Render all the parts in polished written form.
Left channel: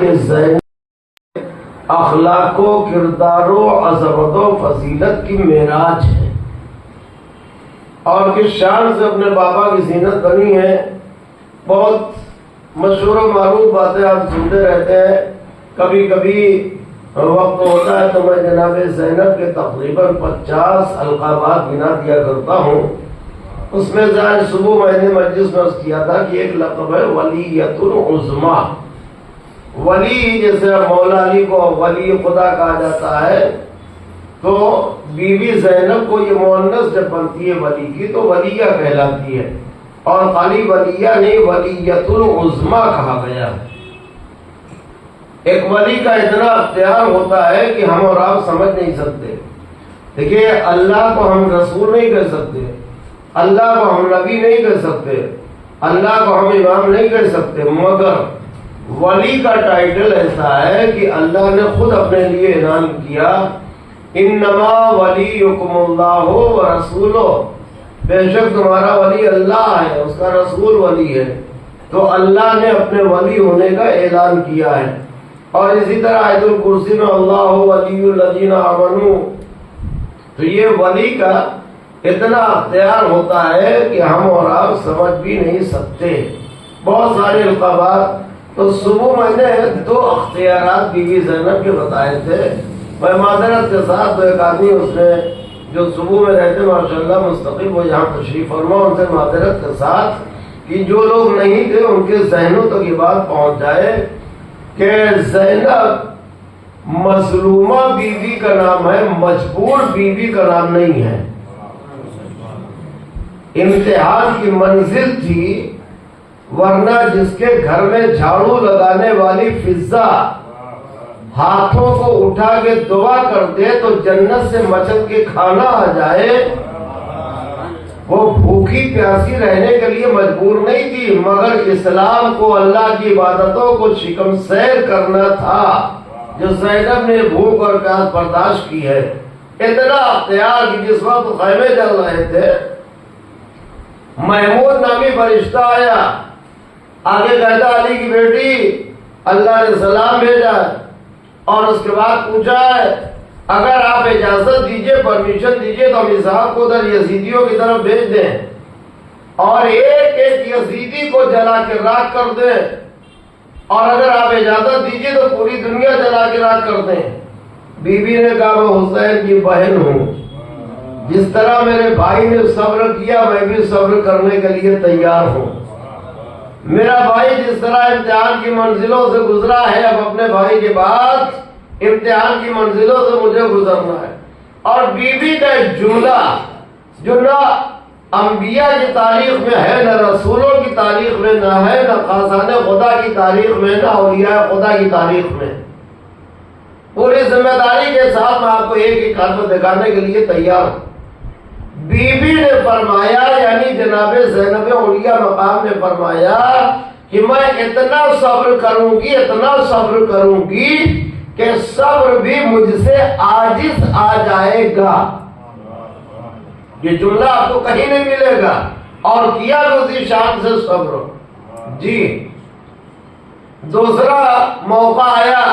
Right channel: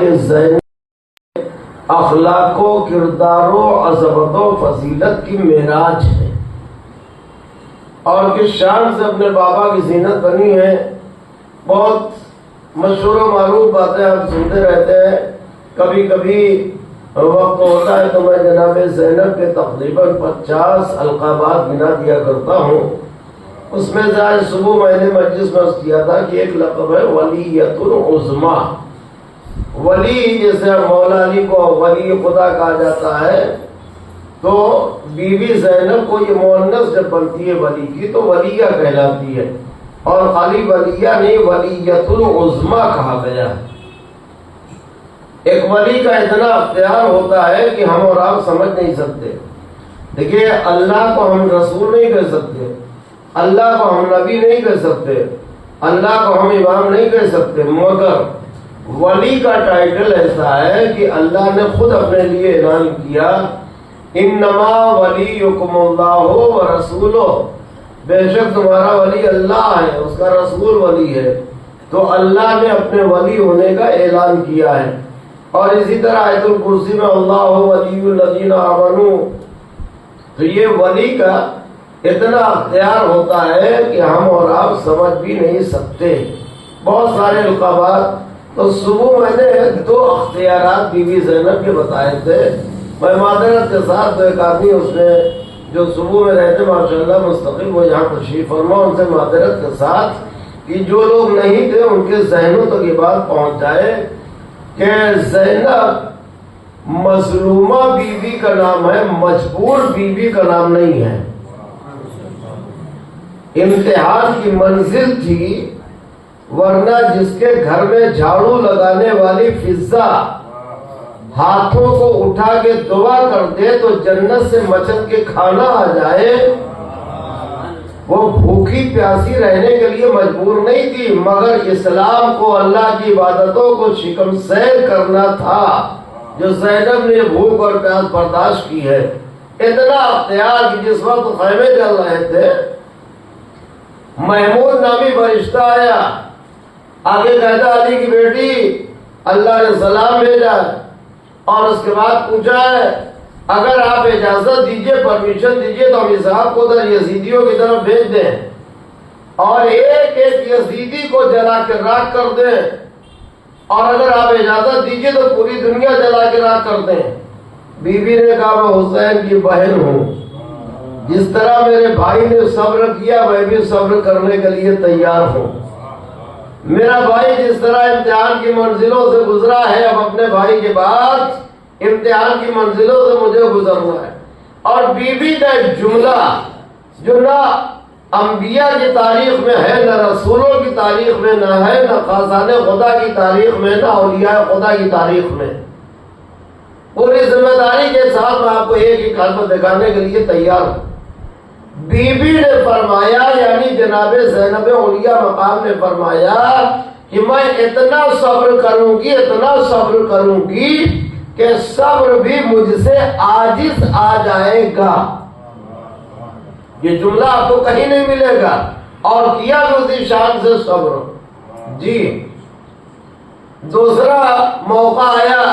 کہ زینب اخلاق و کردار و عظمت و فضیلت کی معراج ہے، اور کس شان سے اپنے بابا کی زینت بنی ہے۔ بہت مشہور و معروف باتیں آپ سنتے رہتے ہیں۔ کبھی کبھی وقت ہوتا ہے تو میں جناب زینب کے تقریباً 50 القابات گنا دیا کرتا ہوں۔ اس میں سے آج صبح میں نے مجلس میں کیا تھا کہ ایک لقب ہے ولیۃ العظمیٰ۔ ولی جیسے مولا علی کو ولی خدا کہا جاتا ہے، تو بی بی زینب کو یہ مؤنث جب بنتی ہے ولی کی تو ولیہ کہلاتی ہے، اور خالی ولیہ نہیں ولیۃ العظمیٰ کہا گیا ہے۔ ایک ولی کا اتنا اختیار ہوتا ہے کہ ہم اور آپ سمجھ نہیں سکتے۔ دیکھیے، اللہ کو ہم رسول نہیں کہہ سکتے، اللہ کو ہم نبی نہیں کہہ سکتے، اللہ کو ہم امام نہیں کہہ سکتے، مگر ولی کا ٹائٹل ایسا ہے کہ اللہ نے خود اپنے لیے اعلان کیا، انما ولیکم اللہ ورسولہ، بے شک تمہارا ولی اللہ ہے، اس کا رسول ولی ہے۔ تو اللہ نے اپنے ولی ہونے کا اعلان کیا ہے۔ اور اسی طرح آیت الکرسی میں اللہ ولی الذین آمنوا، تو یہ ولی کا اتنا اختیار ہوتا ہے کہ ہم اور آپ سمجھ بھی نہیں سکتے۔ بہت سارے القابات، تو صبح میں نے 2 اختیارات بی بی زینب کے بتائے تھے۔ میں معذرت کے ساتھ، تو ایک آدمی اس میں جو صبح میں رہتے ماشاءاللہ مستقل، وہ یہاں تشریف فرما، ان سے معذرت کے ساتھ کہ جو لوگ نہیں تھے ان کے ذہنوں تک یہ بات پہنچ جائے کہ زینب مظلومہ بی بی کا نام ہے، مجبور بی بی کا نام نہیں ہے۔ امتحان کی منزل تھی، ورنہ جس کے گھر میں جھاڑو لگانے والی فضا ہاتھوں کو اٹھا کے دعا کر دے تو جنت سے مچل کے کھانا آ جائے، وہ بھوکی پیاسی رہنے کے لیے مجبور نہیں تھی، مگر اسلام کو، اللہ کی عبادتوں کو شکم سیر کرنا تھا، جو زینب نے بھوک اور پیاس برداشت کی ہے۔ اتنا اختیار کہ جس وقت خیمے جل رہے تھے، محمود نامی فرشتہ آیا، آگے کہتا علی کی بیٹی اللہ نے سلام بھیجا، اور اس کے بعد پوچھا ہے اگر آپ اجازت دیجئے، پرمیشن دیجئے تو ہم صاحب کو ادھر یزیدیوں کی طرف بھیج دیں اور ایک ایک یزیدی کو جلا کے راکھ کر دیں، اور اگر آپ اجازت دیجئے تو پوری دنیا جلا کے راکھ کر دیں۔ بی بی نے کہا میں حسین کی بہن ہوں، جس طرح میرے بھائی نے صبر کیا میں بھی صبر کرنے کے لیے تیار ہوں۔ میرا بھائی جس طرح امتحان کی منزلوں سے گزرا ہے، اب اپنے بھائی کے بعد امتحان کی منزلوں سے مجھے گزرنا ہے۔ اور بی بی کا ایک جملہ جو نہ انبیاء کی تاریخ میں ہے، نہ رسولوں کی تاریخ میں نہ ہے، نہ خاصان خدا کی تاریخ میں، نہ اولیاء خدا کی تاریخ میں، پوری ذمہ داری کے ساتھ میں آپ کو ایک ایک حرف دکھانے کے لیے تیار ہوں۔ بی بی نے فرمایا، یعنی جناب زینب علیہ مقام نے فرمایا کہ میں اتنا صبر کروں گی، اتنا صبر کروں گی کہ صبر بھی مجھ سے عاجز آ جائے گا۔ یہ جملہ آپ کو کہیں نہیں ملے گا، اور کیا اسی شان سے صبر۔ جی، دوسرا موقع آیا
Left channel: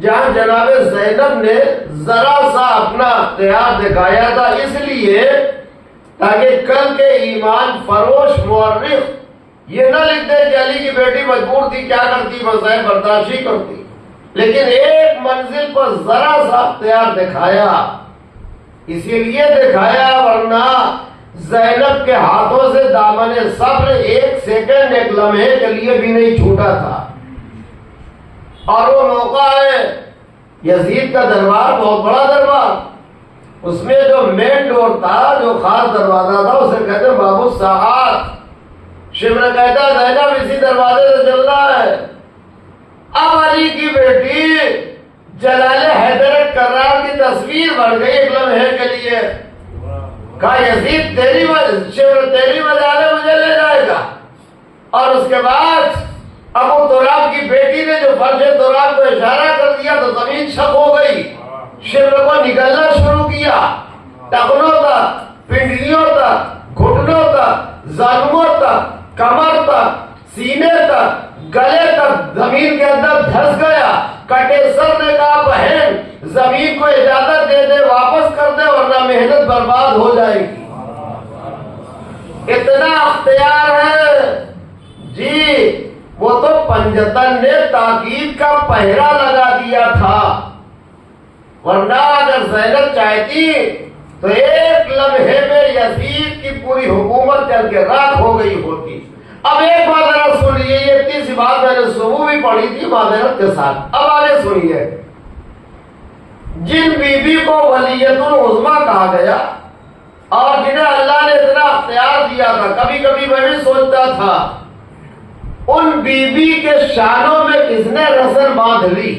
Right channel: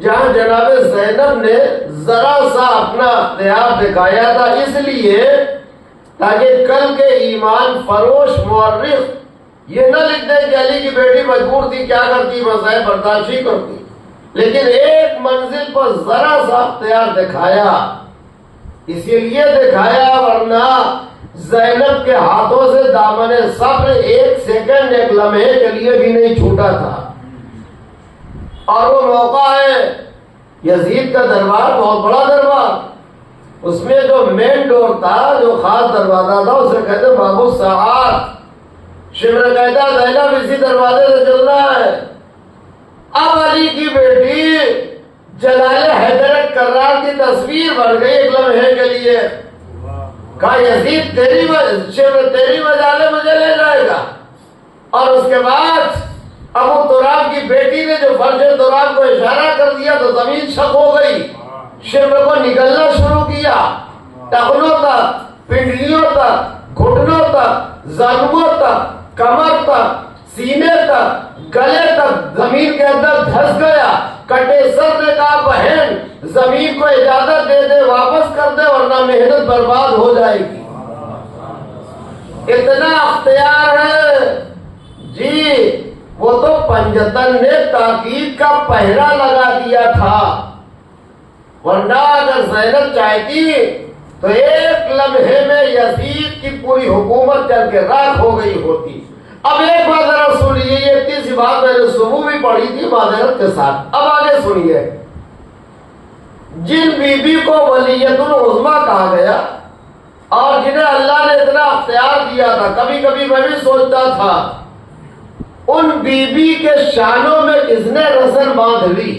جہاں جناب زینب نے ذرا سا اپنا اختیار دکھایا تھا، اس لیے تاکہ کل کے ایمان فروش مورخ یہ نہ لکھ دے کہ علی کی بیٹی مجبور تھی، کیا کرتی، مسائل برداشت ہی کرتی، لیکن ایک منزل پر ذرا سا اختیار دکھایا، اسی لیے دکھایا ورنہ زینب کے ہاتھوں سے دامن صبر ایک سیکنڈ، ایک لمحے کے لیے بھی نہیں چھوٹا تھا۔ اور وہ موقع ہے یزید کا دربار، بہت بڑا دربار، اس میں جو مین ڈور تھا، جو خاص دروازہ تھا، اسے کہتے ہیں باب الساعات۔ شمر کہتا زینب اسی دروازے سے چل رہا ہے۔ اب علی کی بیٹی جلال حیدر کرار کی تصویر بن گئی ایک لمحے کے لیے۔ کہا یزید شمر تیری وجہ سے مجھے لے جائے گا۔ اور اس کے بعد ابو تراب کی بیٹی نے جو فرش تراب کو اشارہ کر دیا تو زمین شق ہو گئی، شمر کو نکلنا شروع کیا، ٹخنوں تک، پنڈلیوں تک، گھٹنوں تک، زانووں تک، کمر تک، سینے تک، گلے تک زمین کے اندر دھس گیا. کٹے سر نے کہا بہن زمین کو اجازت دے دے, واپس کر دے ورنہ محنت برباد ہو جائے گی. اتنا اختیار ہے جی. وہ تو پنجتن نے تاکید کا پہرا لگا دیا تھا, ورنہ اگر زینب چاہتی تو ایک لمحے میں یزید کی پوری حکومت جل کے راکھ ہو گئی ہوتی. اب ایک بات ذرا سنیے, یہ اتنی سی بات میں نے صبح بھی پڑھی تھی معذرت کے ساتھ. اب آگے سنیے. جن بی بی کو ولیت العظمیٰ کہا گیا اور جنہیں اللہ نے اتنا اختیار دیا تھا, کبھی کبھی میں بھی سوچتا تھا ان بی بی کے شانوں میں کس نے رسن باندھ لی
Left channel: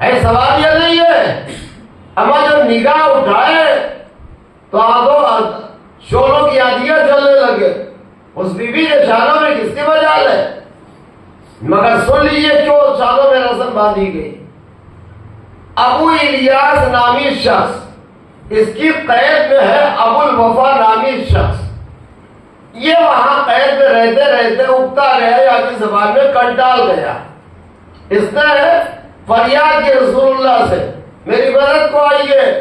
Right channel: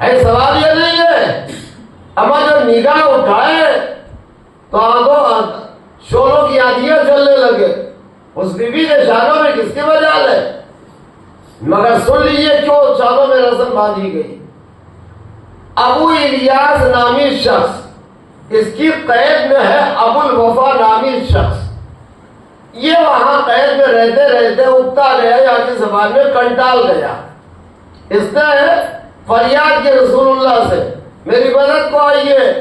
ہے. سوال یہ نہیں ہے. اما جب نگاہ اٹھائے تو آنکھوں شولوں کی آندیاں چلنے لگے. اس بی بی کے شانوں میں کس کی وجہ ہے؟ مگر سن لیجیے کیوں شانوں میں رسن باندھی گئی. ابو الیاس نامی شخص, اس کی قید میں ہے ابو الوفا نامی شخص. یہ وہاں قید میں رہتے رہتے اگتا گیا, یا کی زبان میں کنٹال گیا. اس نے فریاد کی رسول اللہ سے میری مدد کو آئیے.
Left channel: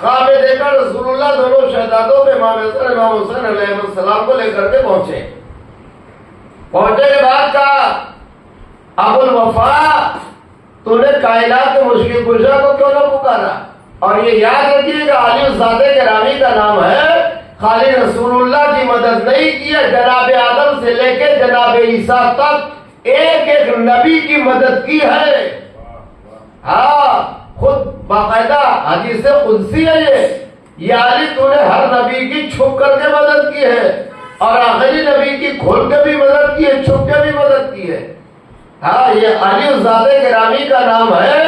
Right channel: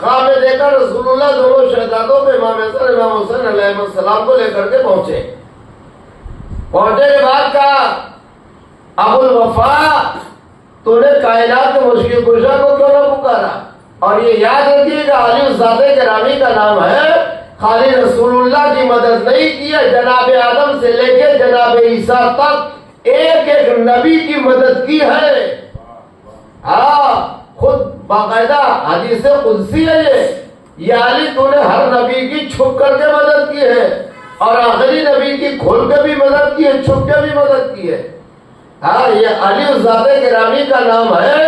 خواب میں دیکھا رسول اللہ دونوں شہزادوں پہ امام حسن امام حسین علیہ السلام کو لے کر کے پہنچے. پہنچے کے بعد کہا ابو الوفا تو نے کائنات کے مشکل کشا کو کیوں نہ پکارا؟ اور یہ یاد رکھیے گا علی الزادہ گرامی کا نام ہے, خالی رسول اللہ کی مدد نہیں کی ہے, جناب آدم سے لے کے جناب عیسیٰ تک ایک ایک نبی کی مدد کی ہے. ہاں خود باقاعدہ حدیث قدسی ہے یہ علی تو نے ہر نبی کی چھپ کر کے مدد کی ہے اور آخری نبی کی کھول کے بھی مدد کی ہے, چھپ کے بھی مدد کی ہے. ہاں یہ علی الزادہ گرامی کا نام ہے.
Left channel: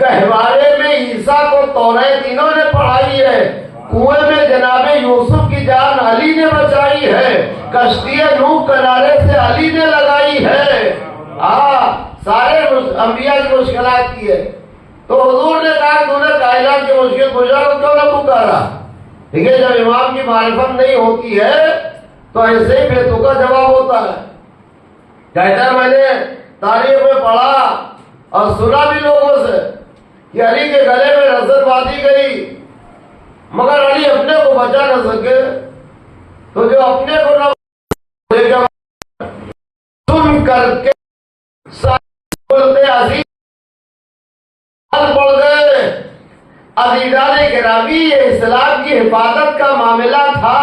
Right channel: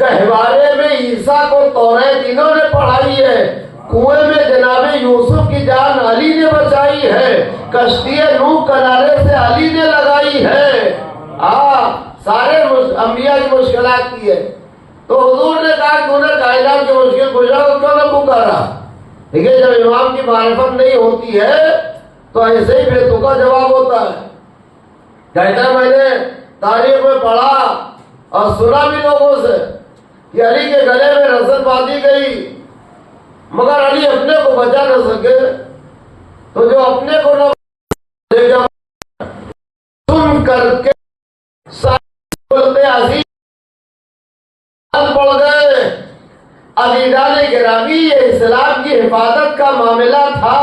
گہوارے میں عیسیٰ کو توریت انہوں نے پڑھائی ہے, کنویں میں جناب یوسف کی جان علی نے بچائی ہے, کشتی نوح کنارے سے علی نے لگائی ہے. سارے انبیاء کی مشکلات کی ہے. تو حضور نے کہا تو نے کائنات کی مشکل کشا کو کیوں نہ پکارا؟ ٹھیک ہے, جب امام کی معرفت نہیں ہوتی ہے تو ایسے ہی بے تکا جواب ہوتا ہے. کہتا ہے میں نے تاریخ میں پڑھا اور سنا بھی لوگوں سے کہ علی کے گلے میں رسن باندھی گئی, مگر علی اپنے کو بچا نہ سکے. تو جو اپنے کو نہ سن کر کے عزیز پڑ گئے. عزیزان گرامی, یہ اسلام کی حفاظت کا معاملہ تھا,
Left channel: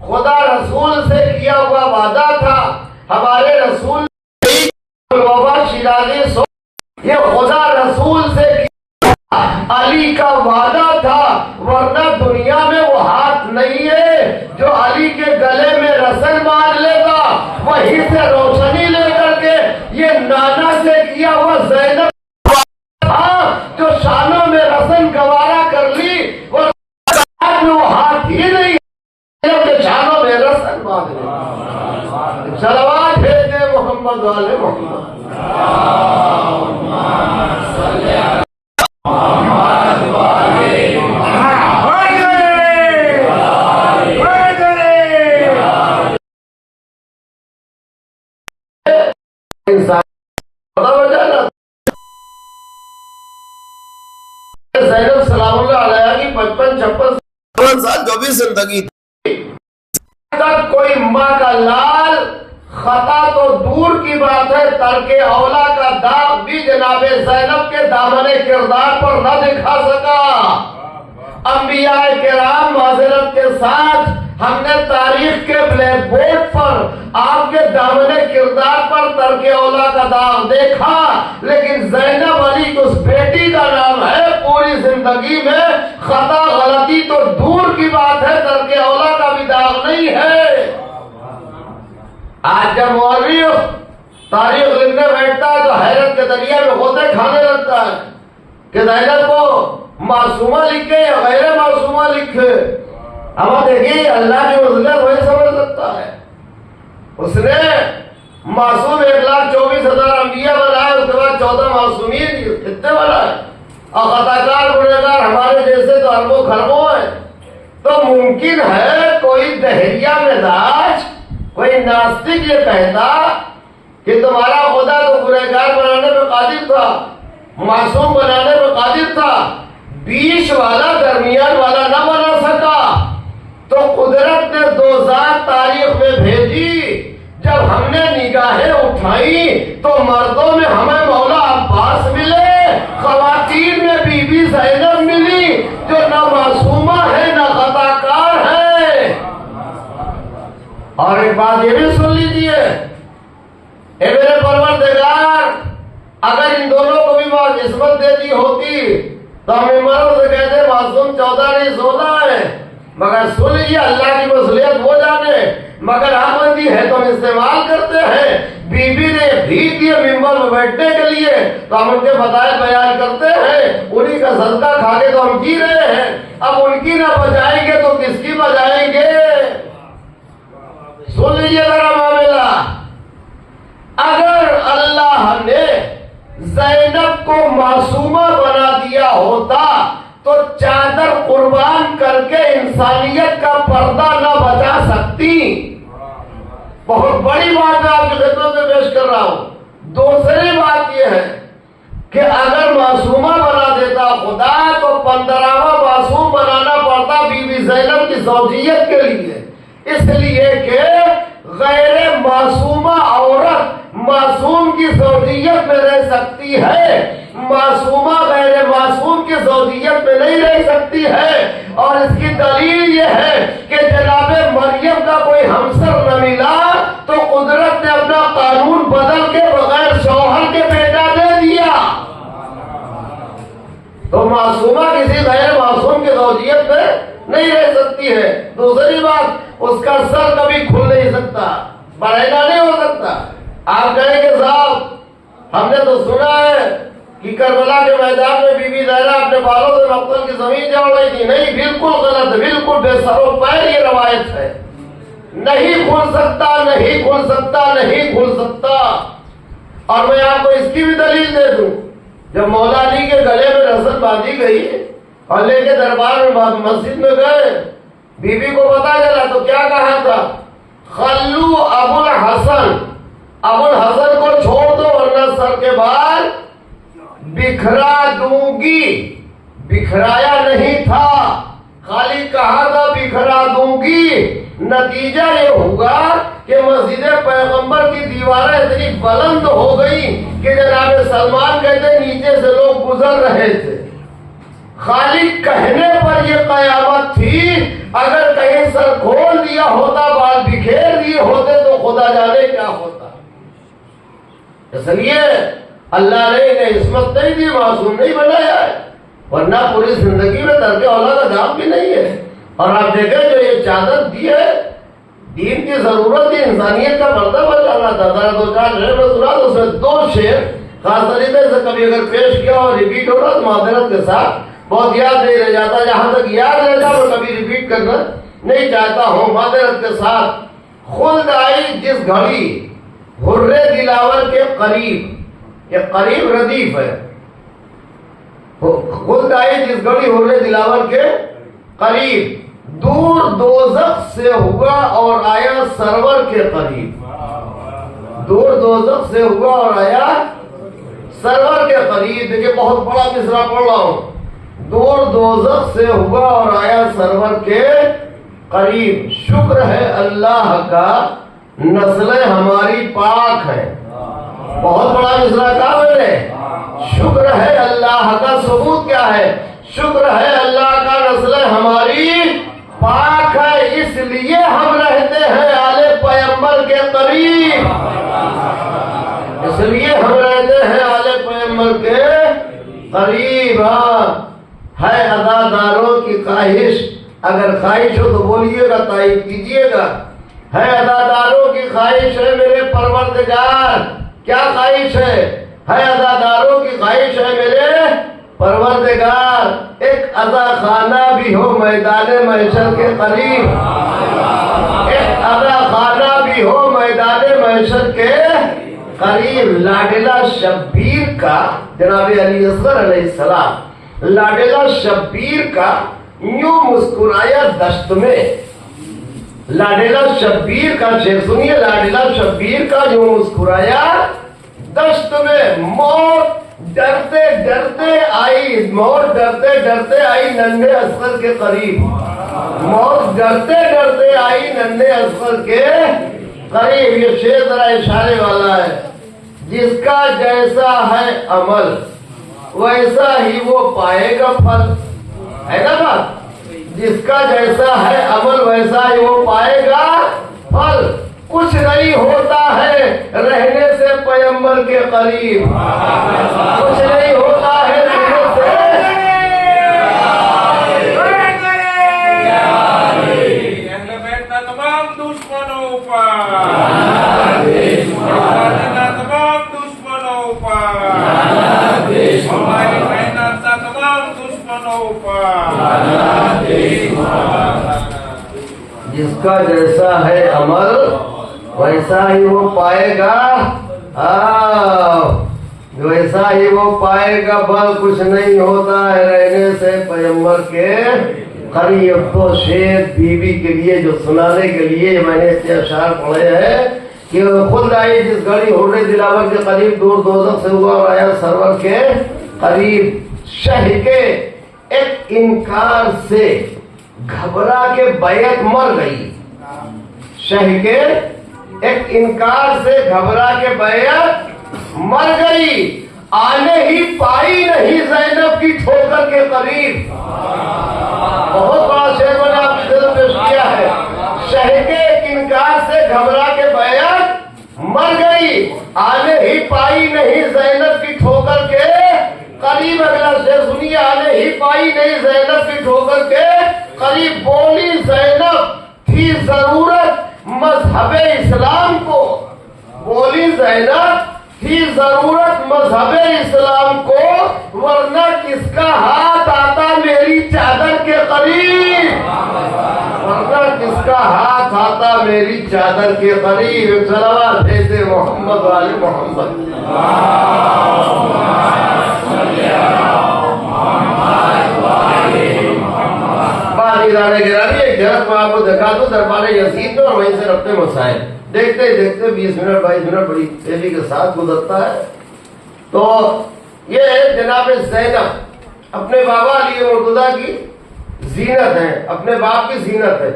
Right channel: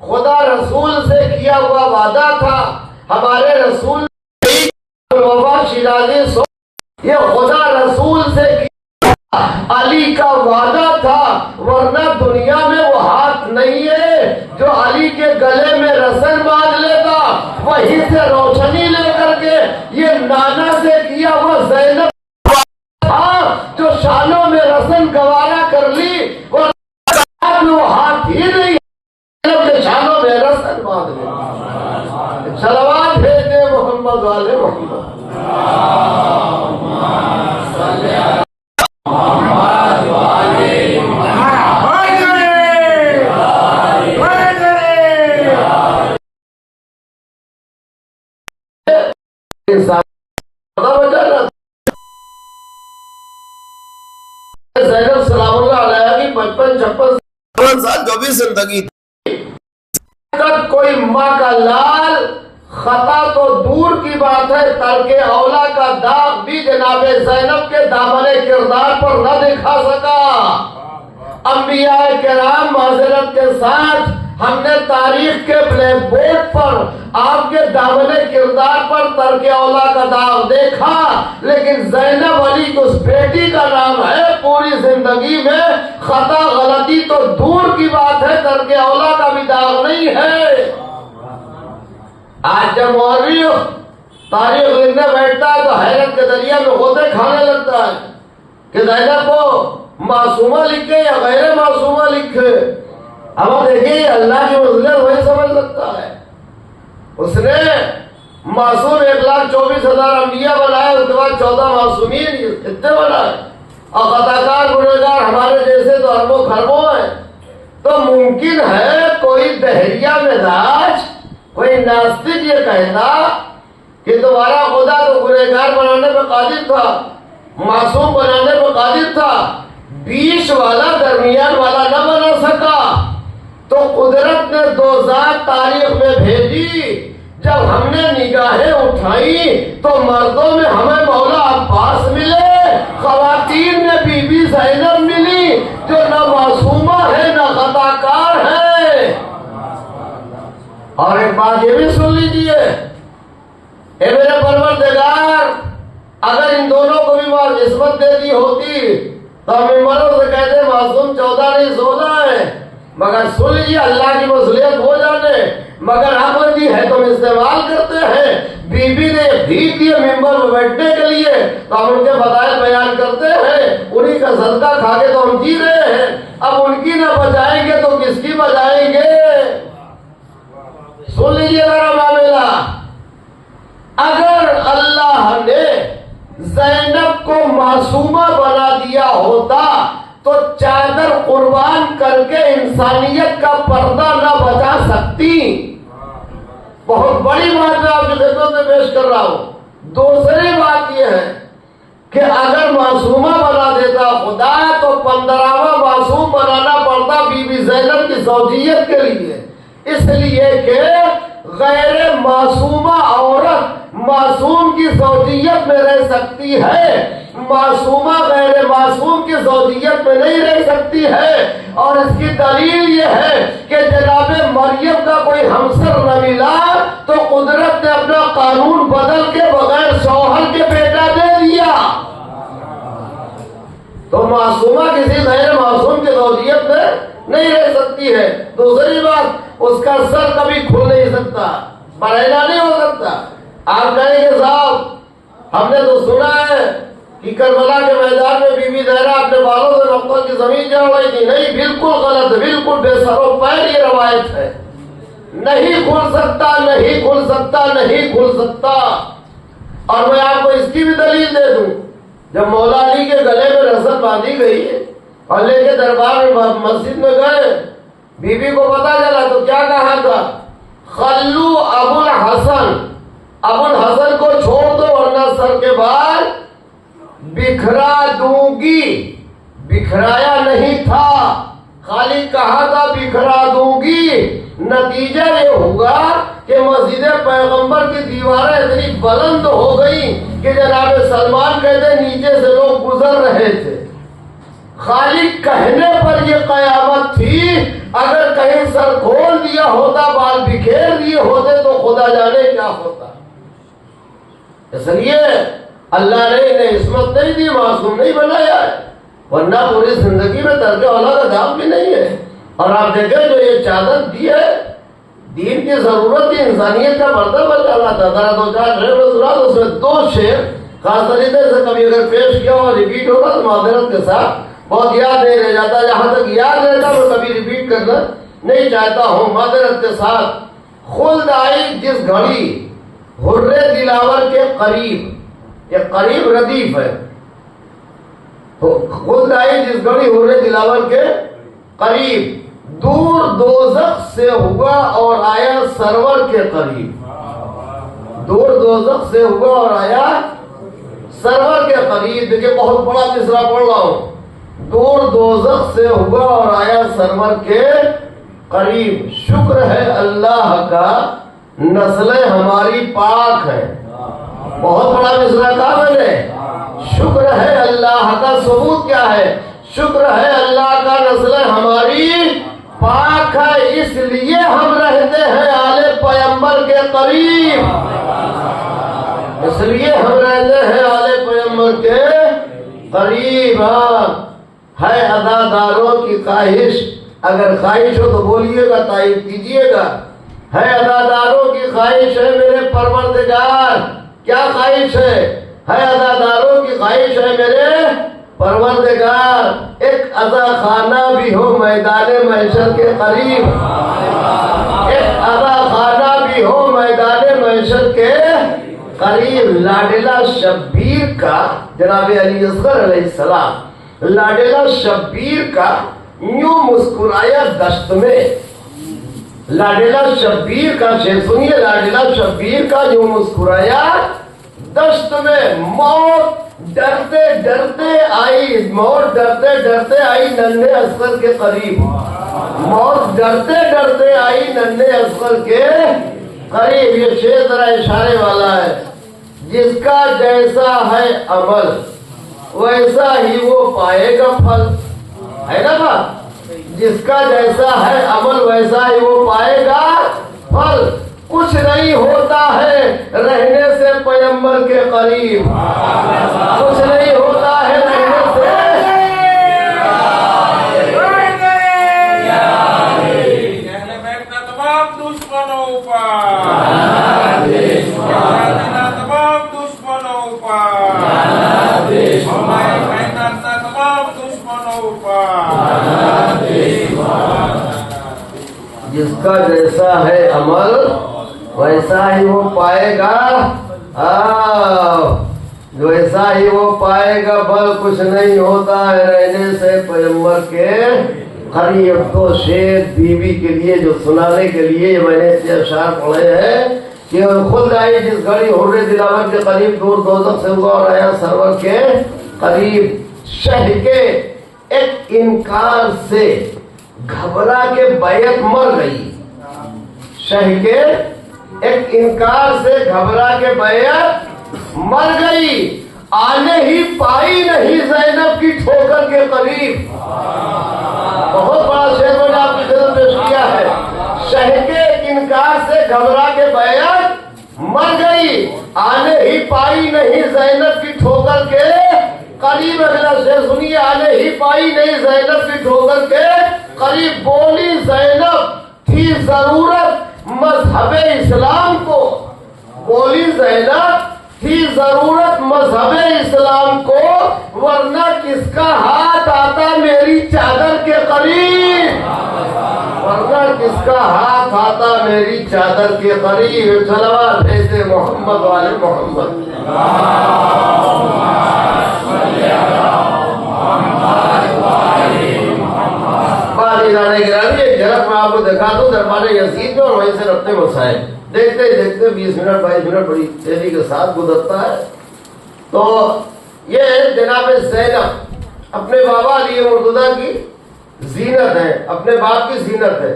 خدا رسول سے کیا ہوا وعدہ تھا. ہمارے رسول شیرازی یہ خدا رسول سے علی کا وعدہ تھا, ورنہ دنیا میں وہ ہاتھ نہیں ہے جو علی کے گلے میں رسن باندھ لیتا, وہیں سے روشنی لے کر کے یہ نانا سے کیا ہوا زینب جو شانوں میں رسن گوارا کر لی, وہ ہاتھ ہی نہیں جو شانوں میں رسن باندھ لی. صلوات بھیجے محمد والے محمد. زینب سلام اللہ علیہ کی 55-56 سال جو بھی زندگی تھی, کوئی ماں کا لال خطا تو دور کی بات ہے, ترک اولا کا داغ بھی جناب زینب کے دامن کردار پر نہ دکھا سکا. انبیاء کرام معذرت کے ساتھ ہم نے تاریخ کے بلیک بورڈ پر آپ کے دامن کردار پر ترک اولا کا داغ دیکھا, لیکن زینب علی کی اس بیٹی کا نام ہے. پوری زندگی میں خطا غلطی تو دور کی بات ہے, ترک اولا کا بھی داغ نہیں ہے. آج جب مورخ تاریخ لکھنے بیٹھتا ہے تو حیرت کے دریا میں غوطے کھانے لگتا ہے کہ زینب کو معصومہ لکھے یا غیر معصومہ لکھے. اب دیکھیے اللہ کی فضیلت وہی سمجھ سکتا ہے. اس نے معصوم 1,24,000 انبیاء بنائے, اس کے بعد 14 معصومین اتنے بنائے, اور خطاکار گنہگار ہمارے جیسے تو اربوں خربوں ہیں. تو ممکن ہے کوئی دہریہ مزاج, کوئی ناستک یہ کہتا کہ تمہارا خدا تو گنہگار بنانے پہ قادر تھا، معصوم بنانے پہ قادر تھا، بیچ والا درمیان والا نہ بنا سکا، تو قدرت نے دو ذات تاریخ میں بھیجی۔ جب ہم نے نگاہیں اٹھائی تو مردوں میں ہمیں مولا عباس ملے، خواتین میں بی بی زینب ملی جو نہ معصومہ ہے نہ خطا کار ہے۔ اور ایک بات یہ بھی سن لیجئے، اے میرے پروردگار، اگر ان دونوں کو بھی نسبت دے دی ہوتی تو ہمیں مرد سے کہتے معصوم 14 نہیں 16 ہے، مگر سن لیجیے اللہ کی مصلحت ہو جانے، مگر آمدی ہے تو ہم استعمال کرتے ہیں۔ بی بی نے بھیک دیے ممبر میں بیٹھنے کے لیے تو ہم ان کے فضائل بیان کرتے ہیں، انہی کا صدقہ کھا کے تو ہم جی رہے ہیں، اب ان کی نہ بچائیں گے تو کس کی بچائیں گے؟ سن لیجیے ذرا معاملہ، اگر اللہ نے زینب کو معصومہ بنا دیا ہوتا تو چادر قربان کر کے انسانیت کا پردہ نہ بچا سکتی۔ بہت بڑی بات میں آپ کی خدمت میں پیش کر رہا ہوں۔ دوسری بات یہ ہے کہ اگر معصومہ بنا دیتا خدا تو 15واں معصوم بنانا پڑتا بی بی زینب کی زوجیت کے لیے، اس لیے کہ غیر معصومہ عورت معصوم کی زوجیت میں رہ سکتی ہے، معصومہ غیر معصوم کی زوجیت میں نہیں رہ سکتی ہے۔ اور اس کی دلیل یہ ہے کہ جناب مریم کا کوئی ہمسر نہ ملا تو قدرت نے اپنا قانون بدل کے بغیر شوہر کے بیٹا دے دیا، تو معصومہ کسی غیر معصوم کی زوجیت میں نہیں رہ سکتی ہے۔ دوسری بات، اس کا سر کبھی کھل نہیں سکتا، برینا نہیں ہو سکتا۔ آپ کہیں گے صاحب ہم نے تو سنا ہے کہ کربلا کے میدان میں بی بی زہرا اپنے بالوں سے مقتل کی زمین جا اڑائی تھی۔ نہیں، بالکل غلط، بالکل بے سر و پیر یہ روایت ہے، نہیں کھل سکتا، نہیں کھل سکتا، نہیں کھل سکتا۔ اور میں آپ کو اس کی بھی دلیل دے دوں، جب مولا علی کے گلے میں رسل باندھی گئی اور لے کے دربار میں مسجد میں گئے، بی بی کو پتا چلا تو کیا کہا تھا؟ خلو ابو الحسن، ابو الحسن کو چھوڑ دو ورنہ سر کے بال بکھرا دوں گی۔ بکھرایا نہیں تھا، خالی کہا تھا بکھرا دوں گی۔ نتیجہ یہ ہوگا کہ مسجد پیغمبر کی دیواریں اتنی بلند ہو گئی کہ جناب سلمان کہتے نیچے سے لوگ گزر رہے تھے۔ خالی کہنے پر یہ قیامت تھی، اگر کہیں سر کھول دیا ہوتا، بال بکھیر دیے ہوتے تو خدا جانے کیا ہوتا۔ اس لیے اللہ نے انہیں عصمت نہیں دی، معصوم نہیں بنایا ہے، ورنہ پوری زندگی میں ترک اولاد کا دام بھی نہیں ہے۔ اور آپ دیکھیں جو یہ چادر دی ہے، دین کی ضرورت تھی، انسانیت کا پردہ بچانا تھا۔ ذرا دو چار شعر میں سنا تو اس میں 2 شعر خاص طریقے سے کبھی اگر پیش کیا اور ریپیٹ ہو رہا تو معذرت کے ساتھ، بہت یاد نہیں رہ جاتا، جہاں تک یاد رہ جاتا میں کبھی ریپیٹ کرنا نہیں چاہتا ہوں، معذرت کے ساتھ۔ خلد آئی جس گھڑی حر دلاور کے قریب، یہ قریب ردیف ہے، خلد آئی جس گھڑی حر دلاور کے قریب، دور دوزخ سے ہوا اور آیا سرور کے قریب، دور دوزخ سے ہوا اور آیا سرور کے قریب۔ دیکھیں بہت بڑا مصرع پڑھ رہا ہوں، دور دوزخ سے ہوا اور آیا سرور کے قریب۔ شکر ہے اللہ کا نسلیں ہماری پاک ہے، بہت بڑا مصرع کہا میں نے۔ شکر ہے اللہ کا، ثبوت کیا ہے؟ شکر ہے اللہ کا نسلیں ہماری پاک ہے، اس لیے ہم رہتے ہیں آل پیغمبر کے قریب، اس لیے ہم رہتے ہیں آل پیغمبر کے قریب۔ ہے اداداروں کی خواہش، اگر خواہش ہو تو بولیے گا، تائید کیجیے گا۔ ہے اداداروں کی خواہش ہے میرے پروردگار، کیا خواہش ہے اداداروں کی خواہش ہے میرے پروردگار، ایک ادا خانہ بھی ہو میدان محشر کے قریب، ایک ادا خانہ بھی ہو میدان محشر کے قریب۔ لاڈلہ شبیر کا، جناب علی اصغر علیہ السلام، لاڈلہ شبیر کا یوں مسکرایا دشت میں، لاڈلا شبیر کا شعر سنیے. لاڈلا شبیر کا جو مسکرایا دشت میں موت ڈرتے ڈرتے آئی. موت ڈرتے ڈرتے آئی ننھے اصغر کے قریب. موت ڈرتے ڈرتے آئی ننھے اصغر کے قریب. یہ شعر ذرا اشارے والا ہے. جس کا جیسا ہے عمل ویسا ہی وہ پائے گا پھل. ہے نا بات؟ جس کا جیسا ہے عمل ویسا ہی وہ پائے گا پھل. کچھ نہیں ہوتا ہے رہنے سے پیغمبر کے قریب. کچھ نہیں ہوتا ہے رہنے سے. تمام دشمنوں پر جس کا جیسا ہے عمل ویسا ہی وہ پائے گا. ویسا ہی وہ پائے گا بل کچھ نہیں ہوتا ہے رہنے سے پیغمبر کے قریب. تو شعر بیوی کے لیے جو سنانے کے لیے میں نے اتنے اشعار پڑھے ہیں کہ خود آئی جس گھڑی حر دلاور کے قریب دور دوزخ سے ہوا اور آیا سرور کے قریب. شہ کے ایک انکار سے گھبرا کے بیعت مر گئی. شہ کے ایک انکار سے گھبرا کے بیعت مر گئی. آنے ہی پائی نہیں زینب کی ٹھوکر کے قریب. بہت بڑا شعر میں نے آپ کی خدمت پیش کیا ہے. شہ کے ایک انکار سے گھبرا کے بیعت مر گئی. آنے ہی پائی نہیں زینب کی ٹھوکر کے قریب. اگلا شعر سنیے. آنے ہی پائی نہیں زینب کی ٹھوکر کے قریب. بولی زینب تھی ضرورت مذہب اسلام کو. بولی زینب تھی ضرورت مذہب اسلام کو ورنہ کس کا ہاتھ آتا میری چادر کے قریب. ورنہ کس کا ہاتھ آتا میری چادر کے قریب. صلوات بھیجتے محمد والے محمد. گرامی ایک جھلک میں آپ کو دکھا دوں دربار یزید میں اور وہیں سے اپنے مسائل دیکھتے دیکھتے 20 منٹ 22 منٹ بڑی تیزی کے ساتھ گزرتا ہے. تو یہ جناب زینب اپنے بابا علی مرتضیٰ کی زینت ہے. اپنے باپ کی زینت ہے.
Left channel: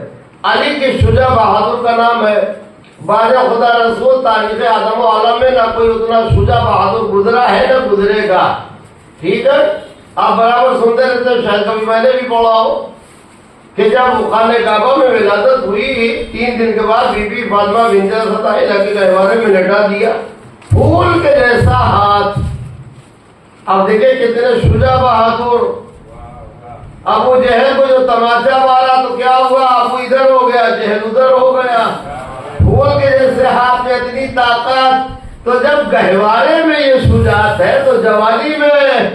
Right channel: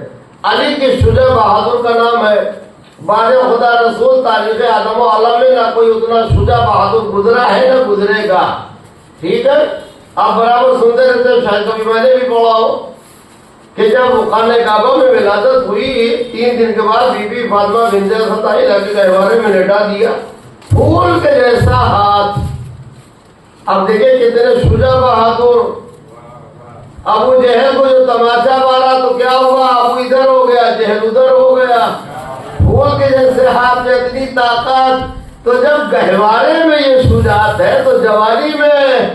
علی کے شجاع بہادر کا نام ہے. باجا خدا رسول تاریخ آدم و عالم میں نہ کوئی اتنا شجاع بہادر گزرا ہے نہ گزرے گا. ٹھیک ہے. آپ برابر سنتے رہتے ہیں. شاید کبھی میں نے بھی پڑھا ہو کہ جب خانہ کعبہ میں ولادت ہوئی 3 دن کے بعد بی بی فاطمہ بنت اسد آئی لگے گہوارے میں لٹا دیا. پھول کے جیسا ہاتھ. اب دیکھیں کتنے شجاع بہادر. ابو جہل کو جو تماشا مارا تو کیا ہوا؟ ابو ادھر ہو گیا جہل ادھر ہو گیا. پھول کے جیسے ہاتھ میں اتنی طاقت. تو جب گہوارے میں یہ شجاعت ہے تو جوانی میں.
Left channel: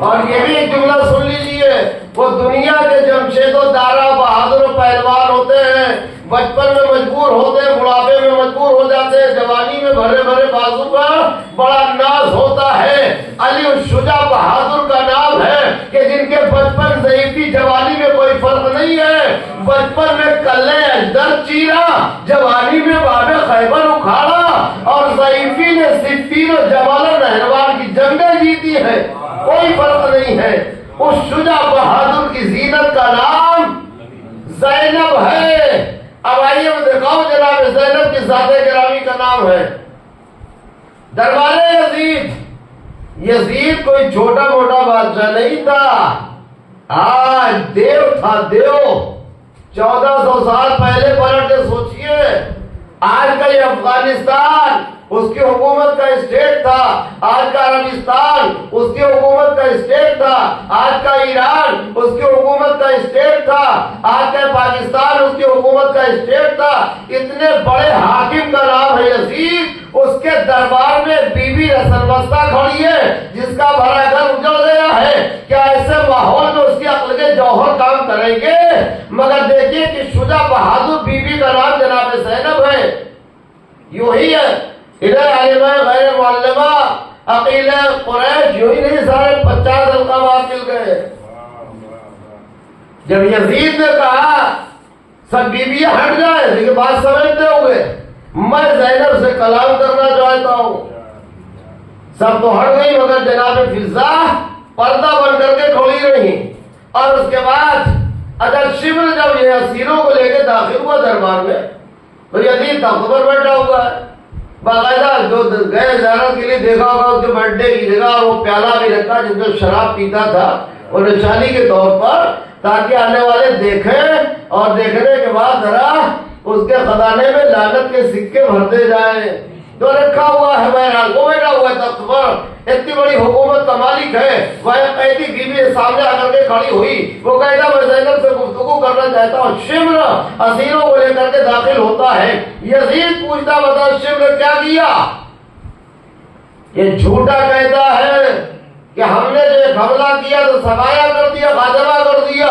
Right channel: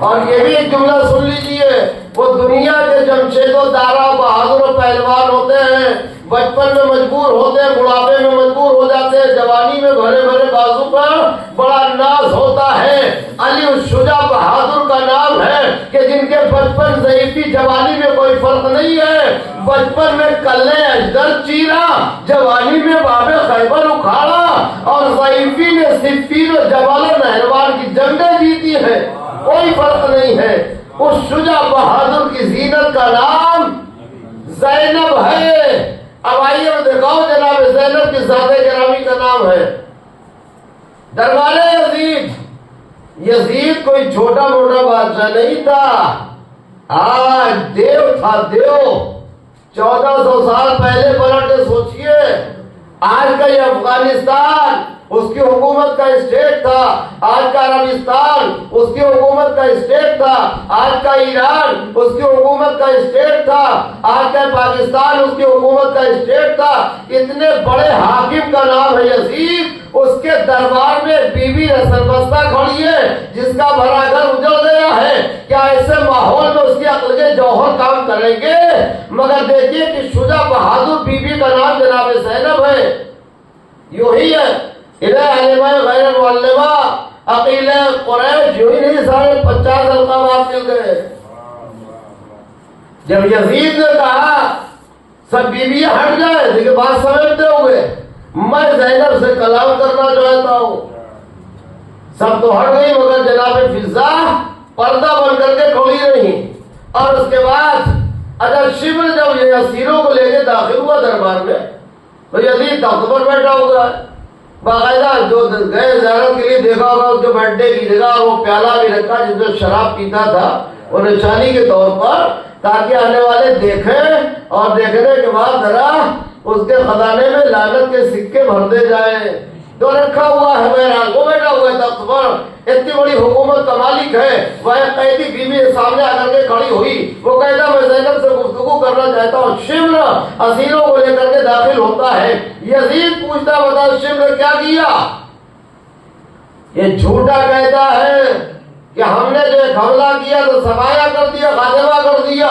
اور یہ بھی ایک جملہ سن لیجئے. وہ دنیا کے جمشید و دارا بہادر و پہلوان ہوتے ہیں. بچپن میں مجبور ہوتے ہیں بڑھاپے میں مجبور ہو جاتے ہیں. جوانی میں بھرے بھرے بازو پر بڑا ناز ہوتا ہے. علی الشجاع بہادر کا نام ہے کہ جن کے بچپن ضعیفی جوانی میں کوئی فرق نہیں ہے. بچپن میں کلے اجدر چیرا جوانی میں باب خیبر اکھاڑا اور ضعیفی نے صفین و جبال نہروان کی جنگیں جیتی ہیں. کوئی فرق نہیں ہے. اس شجاع بہادر کی زینت کا نام زینب ہے. اب آئیے دکھاؤ جناب زینب کی ذات گرامی کا نام ہے. دربار یزید. یزید کوئی چھوٹا موٹا بادشاہ نہیں تھا. آج دیو تھا دیو. 1400 سال پہلے پلٹ کے سوچئے. آج کا یہ افغانستان اس کی حکومت کا اسٹیٹ تھا. آج کا عربستان اس کی حکومت کا اسٹیٹ تھا. آج کا ایران اس کی حکومت کا اسٹیٹ تھا. آج کا پاکستان اس کی حکومت کا اسٹیٹ تھا. اتنے بڑے حاکم کا نام ہے یزید. اس کے دربار میں بیوی سربستہ کھڑی ہے جس کا بھرا گھر اجڑ گیا ہے. کیا ایسے ماحول میں اس کی عقل کے جوہر کام کریں گے؟ مگر دیکھیے کہ شجاع بہادر بیوی کا نام جناب زینب ہے. یوں ہی ہے. ادھر عالمہ غیر معلمہ عقیل قریش یوں ہی نہیں سارے 50 القابات مل گئے. جب یزید نے کہا سب بیویاں ہٹ جائیں، لیکن بات سمجھتے ہوئے میں زینب سے کلام کرنا چاہتا ہوں۔ سب تو ہٹ گئی مگر جناب فضا پردہ بن کر کے کھڑی رہی۔ اور اس کے بعد اگر شبر جب یہ اسیروں کو لے کے داخل ہوا دربار میں تو یزید تخت پر بیٹھا ہوا ہے، باقاعدہ جو گئے زیارت کے لیے دیکھا ہوگا اس کے برتھ ڈے کی جگہ وہ پیالہ بھی رکھا جس میں شراب پیتا تھا وہ نشانی کے طور پر، تاکہ آنے والے دیکھیں اور دیکھنے کے بعد ذرا اس کے خزانے میں لعنت کے سکے بھرتے جائیں۔ تو رکھا ہوا ہے بہرحال، وہ بیٹھا ہوا ہے تخت پر، اتنی بڑی حکومت کا مالک ہے۔ وہ قیدی بیوی سامنے آ کر کے کھڑی ہوئی، وہ کہتا میں زینب سے گفتگو کرنا چاہتا ہوں۔ شمر اسیروں کو لے کر کے داخل ہوتا ہے، یزید پوچھتا بتا شمر کیا کیا؟ یہ جھوٹا کہتا ہے کہ ہم نے جو حملہ کیا تو سفایا کر دیا، خاتمہ کر دیا۔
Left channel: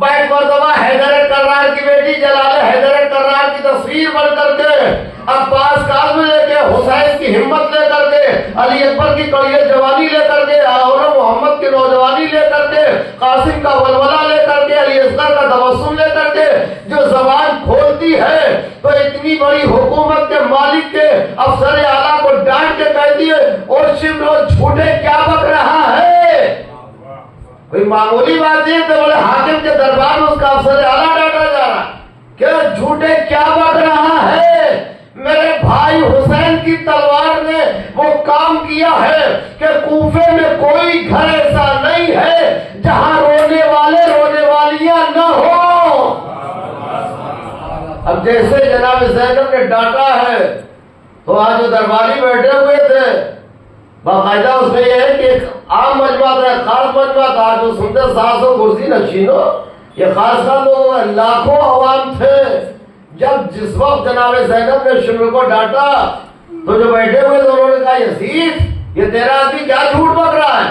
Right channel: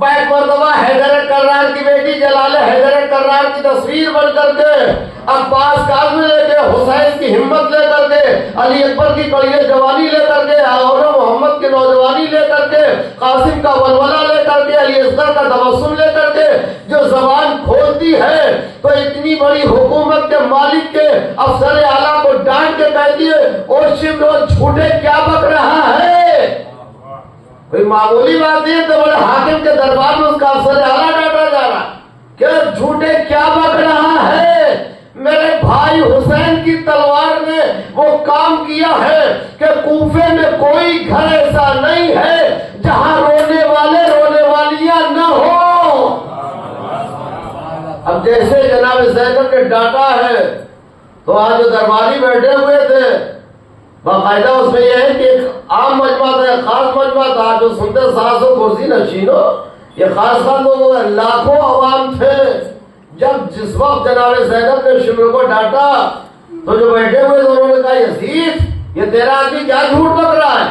بیک مرتبہ حیدر کرار کی بیٹی جلال حیدر کرار کی تصویر بن کر کے، عباس کاظم لے کے، حسین کی ہمت لے کر کے، علی اکبر کی کڑی جوانی لے کر کے، اور محمد کی نوجوانی لے کر کے، قاسم کا ولولہ لے کر کے، علی اصغر کا تبسم لے کر کے جو زبان کھولتی ہے تو اتنی بڑی حکومت کے مالک کے افسر اعلیٰ کو ڈانٹ کے کہتی ہے اور شمر جھوٹے کیا بک رہا ہے؟ کوئی معمولی بات نہیں تو بڑے حاکم کے دربار میں اس کا افسر اعلیٰ ڈانٹا جا رہا کہ جھوٹے کیا بک رہا ہے؟ میرے بھائی حسین کی تلوار نے وہ کام کیا ہے کہ کوفے میں کوئی گھر ایسا نہیں ہے جہاں رونے والے رونے والیاں نہ ہو۔ اب جیسے جناب زینب نے ڈانٹا ہے تو آج جو درباری بیٹھے ہوئے تھے باقاعدہ اس میں یہ ہے کہ ایک عام مجمع تھا، ایک خاص مجمع تھا، جو سنتے 700 کرسی نشینوں، یہ خاص خاص لوگ لاکھوں عوام تھے۔ جب جس وقت جناب زینب نے شمر کو ڈانٹا تو جو بیٹھے ہوئے تھے انہوں نے کہا یزید یہ تیرا آدمی کیا جھوٹ بک رہا ہے؟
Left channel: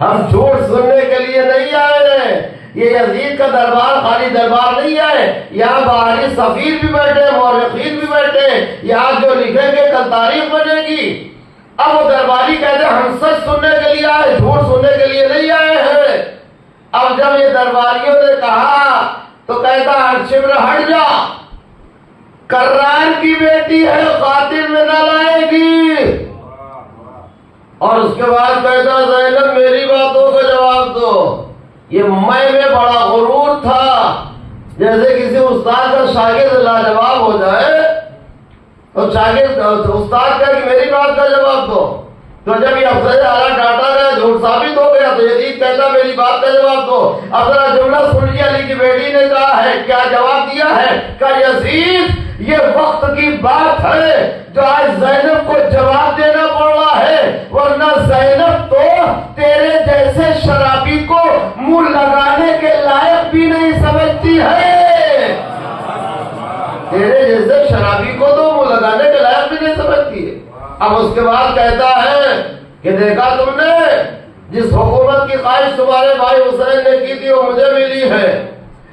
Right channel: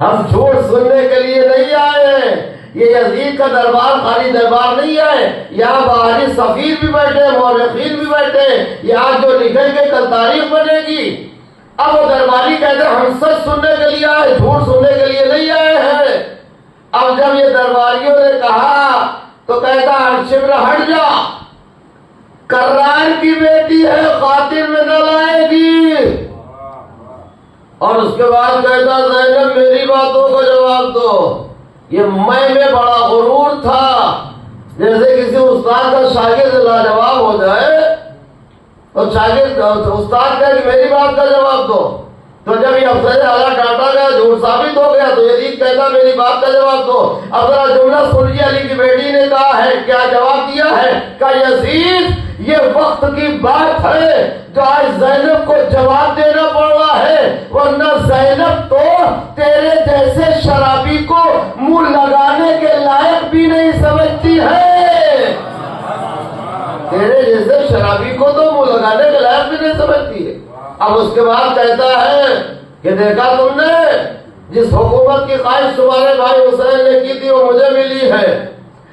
ہم جھوٹ سننے کے لیے نہیں آئے ہیں، یہ یزید کا دربار خالی دربار نہیں ہے، یہاں باہری سفیر بھی بیٹھے، مورخین بھی بیٹھے، یہاں جو لکھیں گے کل تاریخ بنے گی۔ اب وہ درباری کہتے ہیں ہم سچ سننے کے لیے آئے، جھوٹ سننے کے لیے نہیں آئے ہیں۔ اب جب یہ درباریوں نے کہا تو کہتا شمر ہٹ جا، کرار کی بیٹی ہے، قاتل میں نہ لائے گی۔ اور اس کے بعد کہتا زینب میری باتوں کا جواب دو۔ یہ میں بڑا غرور تھا، جیسے کسی استاد کا شاگرد لاجواب ہو جائے اور شاگرد استاد کہا کہ میری بات کا جواب دو، تو جب یہ افسر اعلیٰ ڈانٹا گیا جھوٹ ثابت ہو گیا تو یزید کہتا میری بات کا جواب دو۔ اب ذرا جملہ سنیے، علی کی بیٹی نے کہا ہے کیا جواب دیا ہے کہ یزید یہ وقت کی بات ہے جو آج زینب کو جواب دینا پڑ رہا ہے، ورنہ زینب تو تیرے جیسے شرابی کو منہ لگانے کے لائق بھی نہیں سمجھتی ہے، تیرے جیسے شرابی کو تو منہ لگانے کے لائق بھی نہیں سمجھتی ہے۔ اب اس کے بعد کہتا ہے کہ دیکھا تم نے جس حکومت کی خواہش تمہارے بھائی حسین نے کی تھی وہ مجھے ملی ہے۔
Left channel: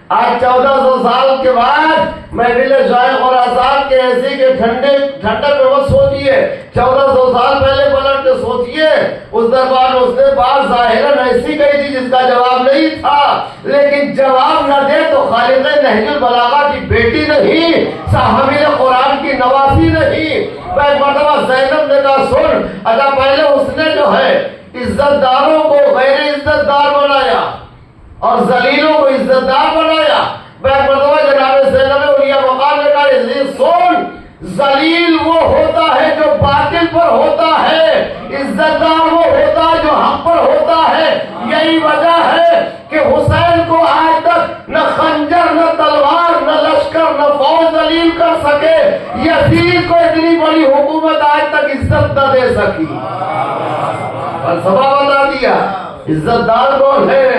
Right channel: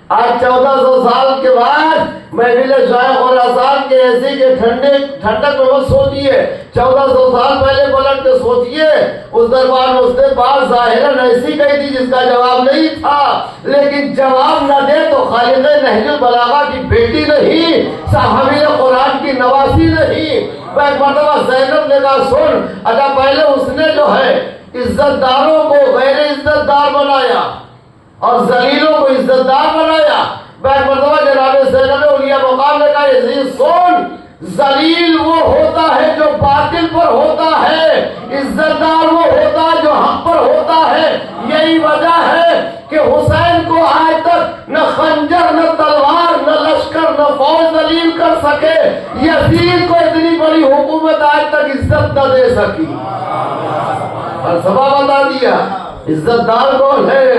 آج 1400 سال کے بعد محفل شیخ اور آزاد کے ایسی کے ٹھنڈک میں مت سوچیے، 1400 سال پہلے پلٹ کے سوچیے، اس دربار میں اس نے بات ظاہراً ایسی کہی تھی جس کا جواب نہیں تھا، لیکن جواب نہ دے تو خالق نہج البلاغہ کی بیٹی نہیں، صحابی قرآن کی نواسی نہیں۔ ایک مرتبہ زینب نے کہا سن، اچھا پہلے اس نے جو ہے عزت داروں کو غیر عزت دار بنایا اور ذلیلوں کو عزت دار بنایا۔ ایک مرتبہ جناب زینب اولیاء مقام نے کہا عزیز سن، ذلیل وہ ہوتا ہے جو باطل پر ہوتا ہے، عزت دار وہ ہوتا ہے جو حق پر ہوتا ہے۔ یہی وجہ ہے کہ حسین کو آج تک نہ خنجر نہ تلوار نہ لشکر نہ فوج ذلیل کر سکے، یزید کو اتنی بڑی حکومت آج تک عزت نہ دے سکی۔ فلسفہ بتا دیا عزت دار کون ہے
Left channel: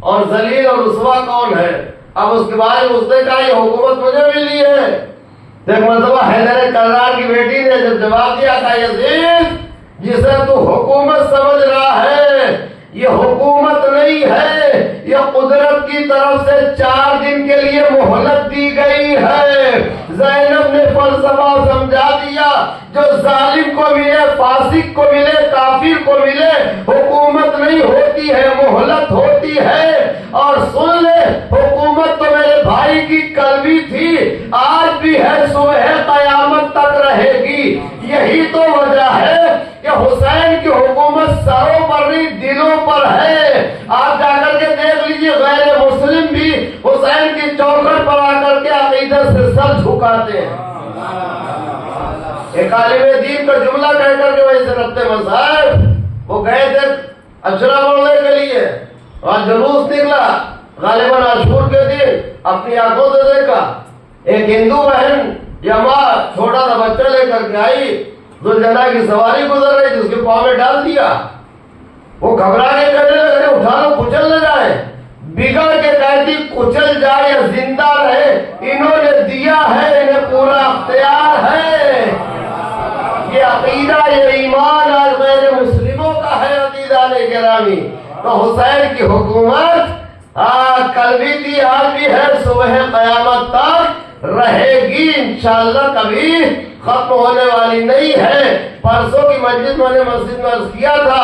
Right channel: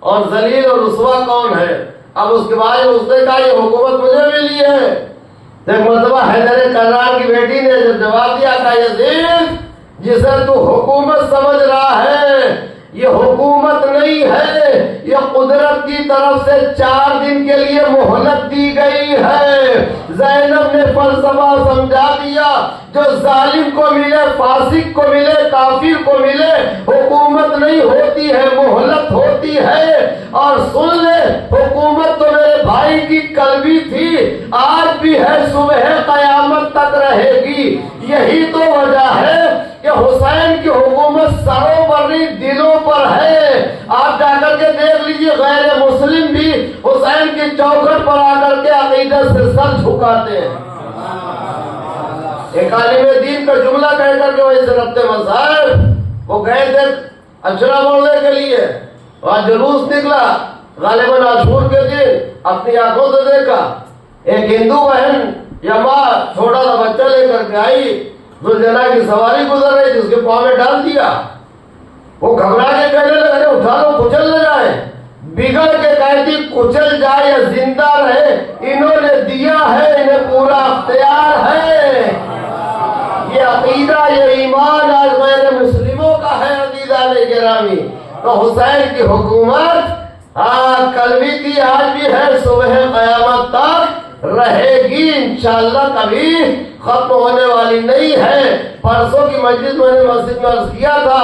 اور ذلیل اور رسوا کون ہے۔ اب اس کے بعد اس نے کہا یہ حکومت مجھے ملی ہے۔ ایک مرتبہ حیدر کرار کی بیٹی نے جب جواب دیا تھا یزید جسے تو حکومت سمجھ رہا ہے یہ حکومت نہیں ہے، یہ قدرت کی طرف سے 4 دن کے لیے مہلت دی گئی ہے۔ زینب نے فلسفہ سمجھا دیا، جو ظالم کو ملے، فاسق کو ملے، کافر کو ملے، حکومت نہیں ہوتی ہے، مہلت ہوتی ہے۔ اور سن لے حکومت تو میرے بھائی بھائی کی کل بھی تھی، آج بھی ہے، صبح قیامت تک رہے گی۔ یہی تو وجہ ہے کہ حسین کی حکومت سروں پر نہیں دلوں پر ہے۔ آپ جا کر کے دیکھ لیجئے، غیر مسلم بھی حسین کی چوکھٹ پر آ کر کے عقیدت سے سر جھکاتے ہیں۔ ایک عالم دین کا جملہ کہہ کر کے وہی سے ربط مذاہب، وہ گئے تھے اشرا بولنے کے لیے، وہاں جلوس نکلا، غالباً عاشور کے دن، اپنی آنکھوں سے دیکھا ایک ہندو بہن یا ماں چھوٹا سا بچہ لے کر کے آئی، ذوالجناح کی سواری گزر رہی تھی، اس کے پاؤں میں ڈال دیا۔ وہ گھبرا کے کہنے لگے اٹھا لو، کچل نہ جائے۔ بگڑ کے کہتی کچل جائے یا زندہ رہے، انہوں نے دیا ہے، انہیں پورا اختیار ہے۔ یہ عقیدہ، یہ ایمان آج غیر مسلموں کا ہے عزیزان گرامی۔ تو حسین کی حکومت کل بھی تھی، آج بھی ہے، صبح قیامت تک رہے گی، انشاءاللہ کبھی ختم ہونے والی نہیں ہے۔ پرسوں کی مجلس میں نے مسجد میں عرض کیا تھا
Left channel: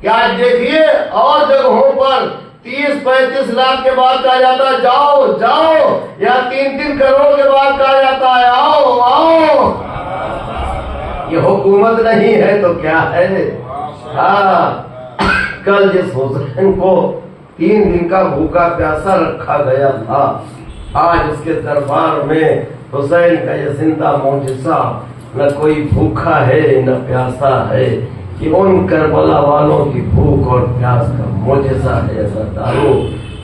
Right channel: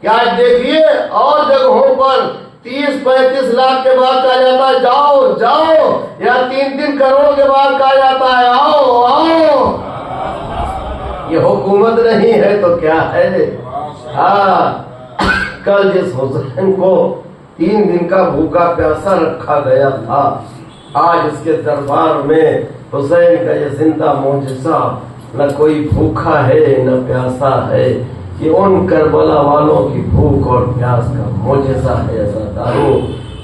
کہ آج دیکھیے اور جگہوں پر 30-35 لاکھ کے بعد کہا جاتا ہے جاؤ جاؤ، یا 3 کروڑ کے بعد کہا جاتا ہے آؤ آؤ۔ یہ حکومت نہیں ہے تو کیا ہے؟ کل جس حسین کو 3 دن کا بھوکا پیاسا رکھا گیا تھا، آج اس کے دربار میں حسین کا یہ زندہ معجزہ، نہ کوئی بھوکا ہے نہ پیاسا ہے، یہ ان کربلا والوں کی بھوک اور پیاس کا معجزہ ہے۔ عزیزانو،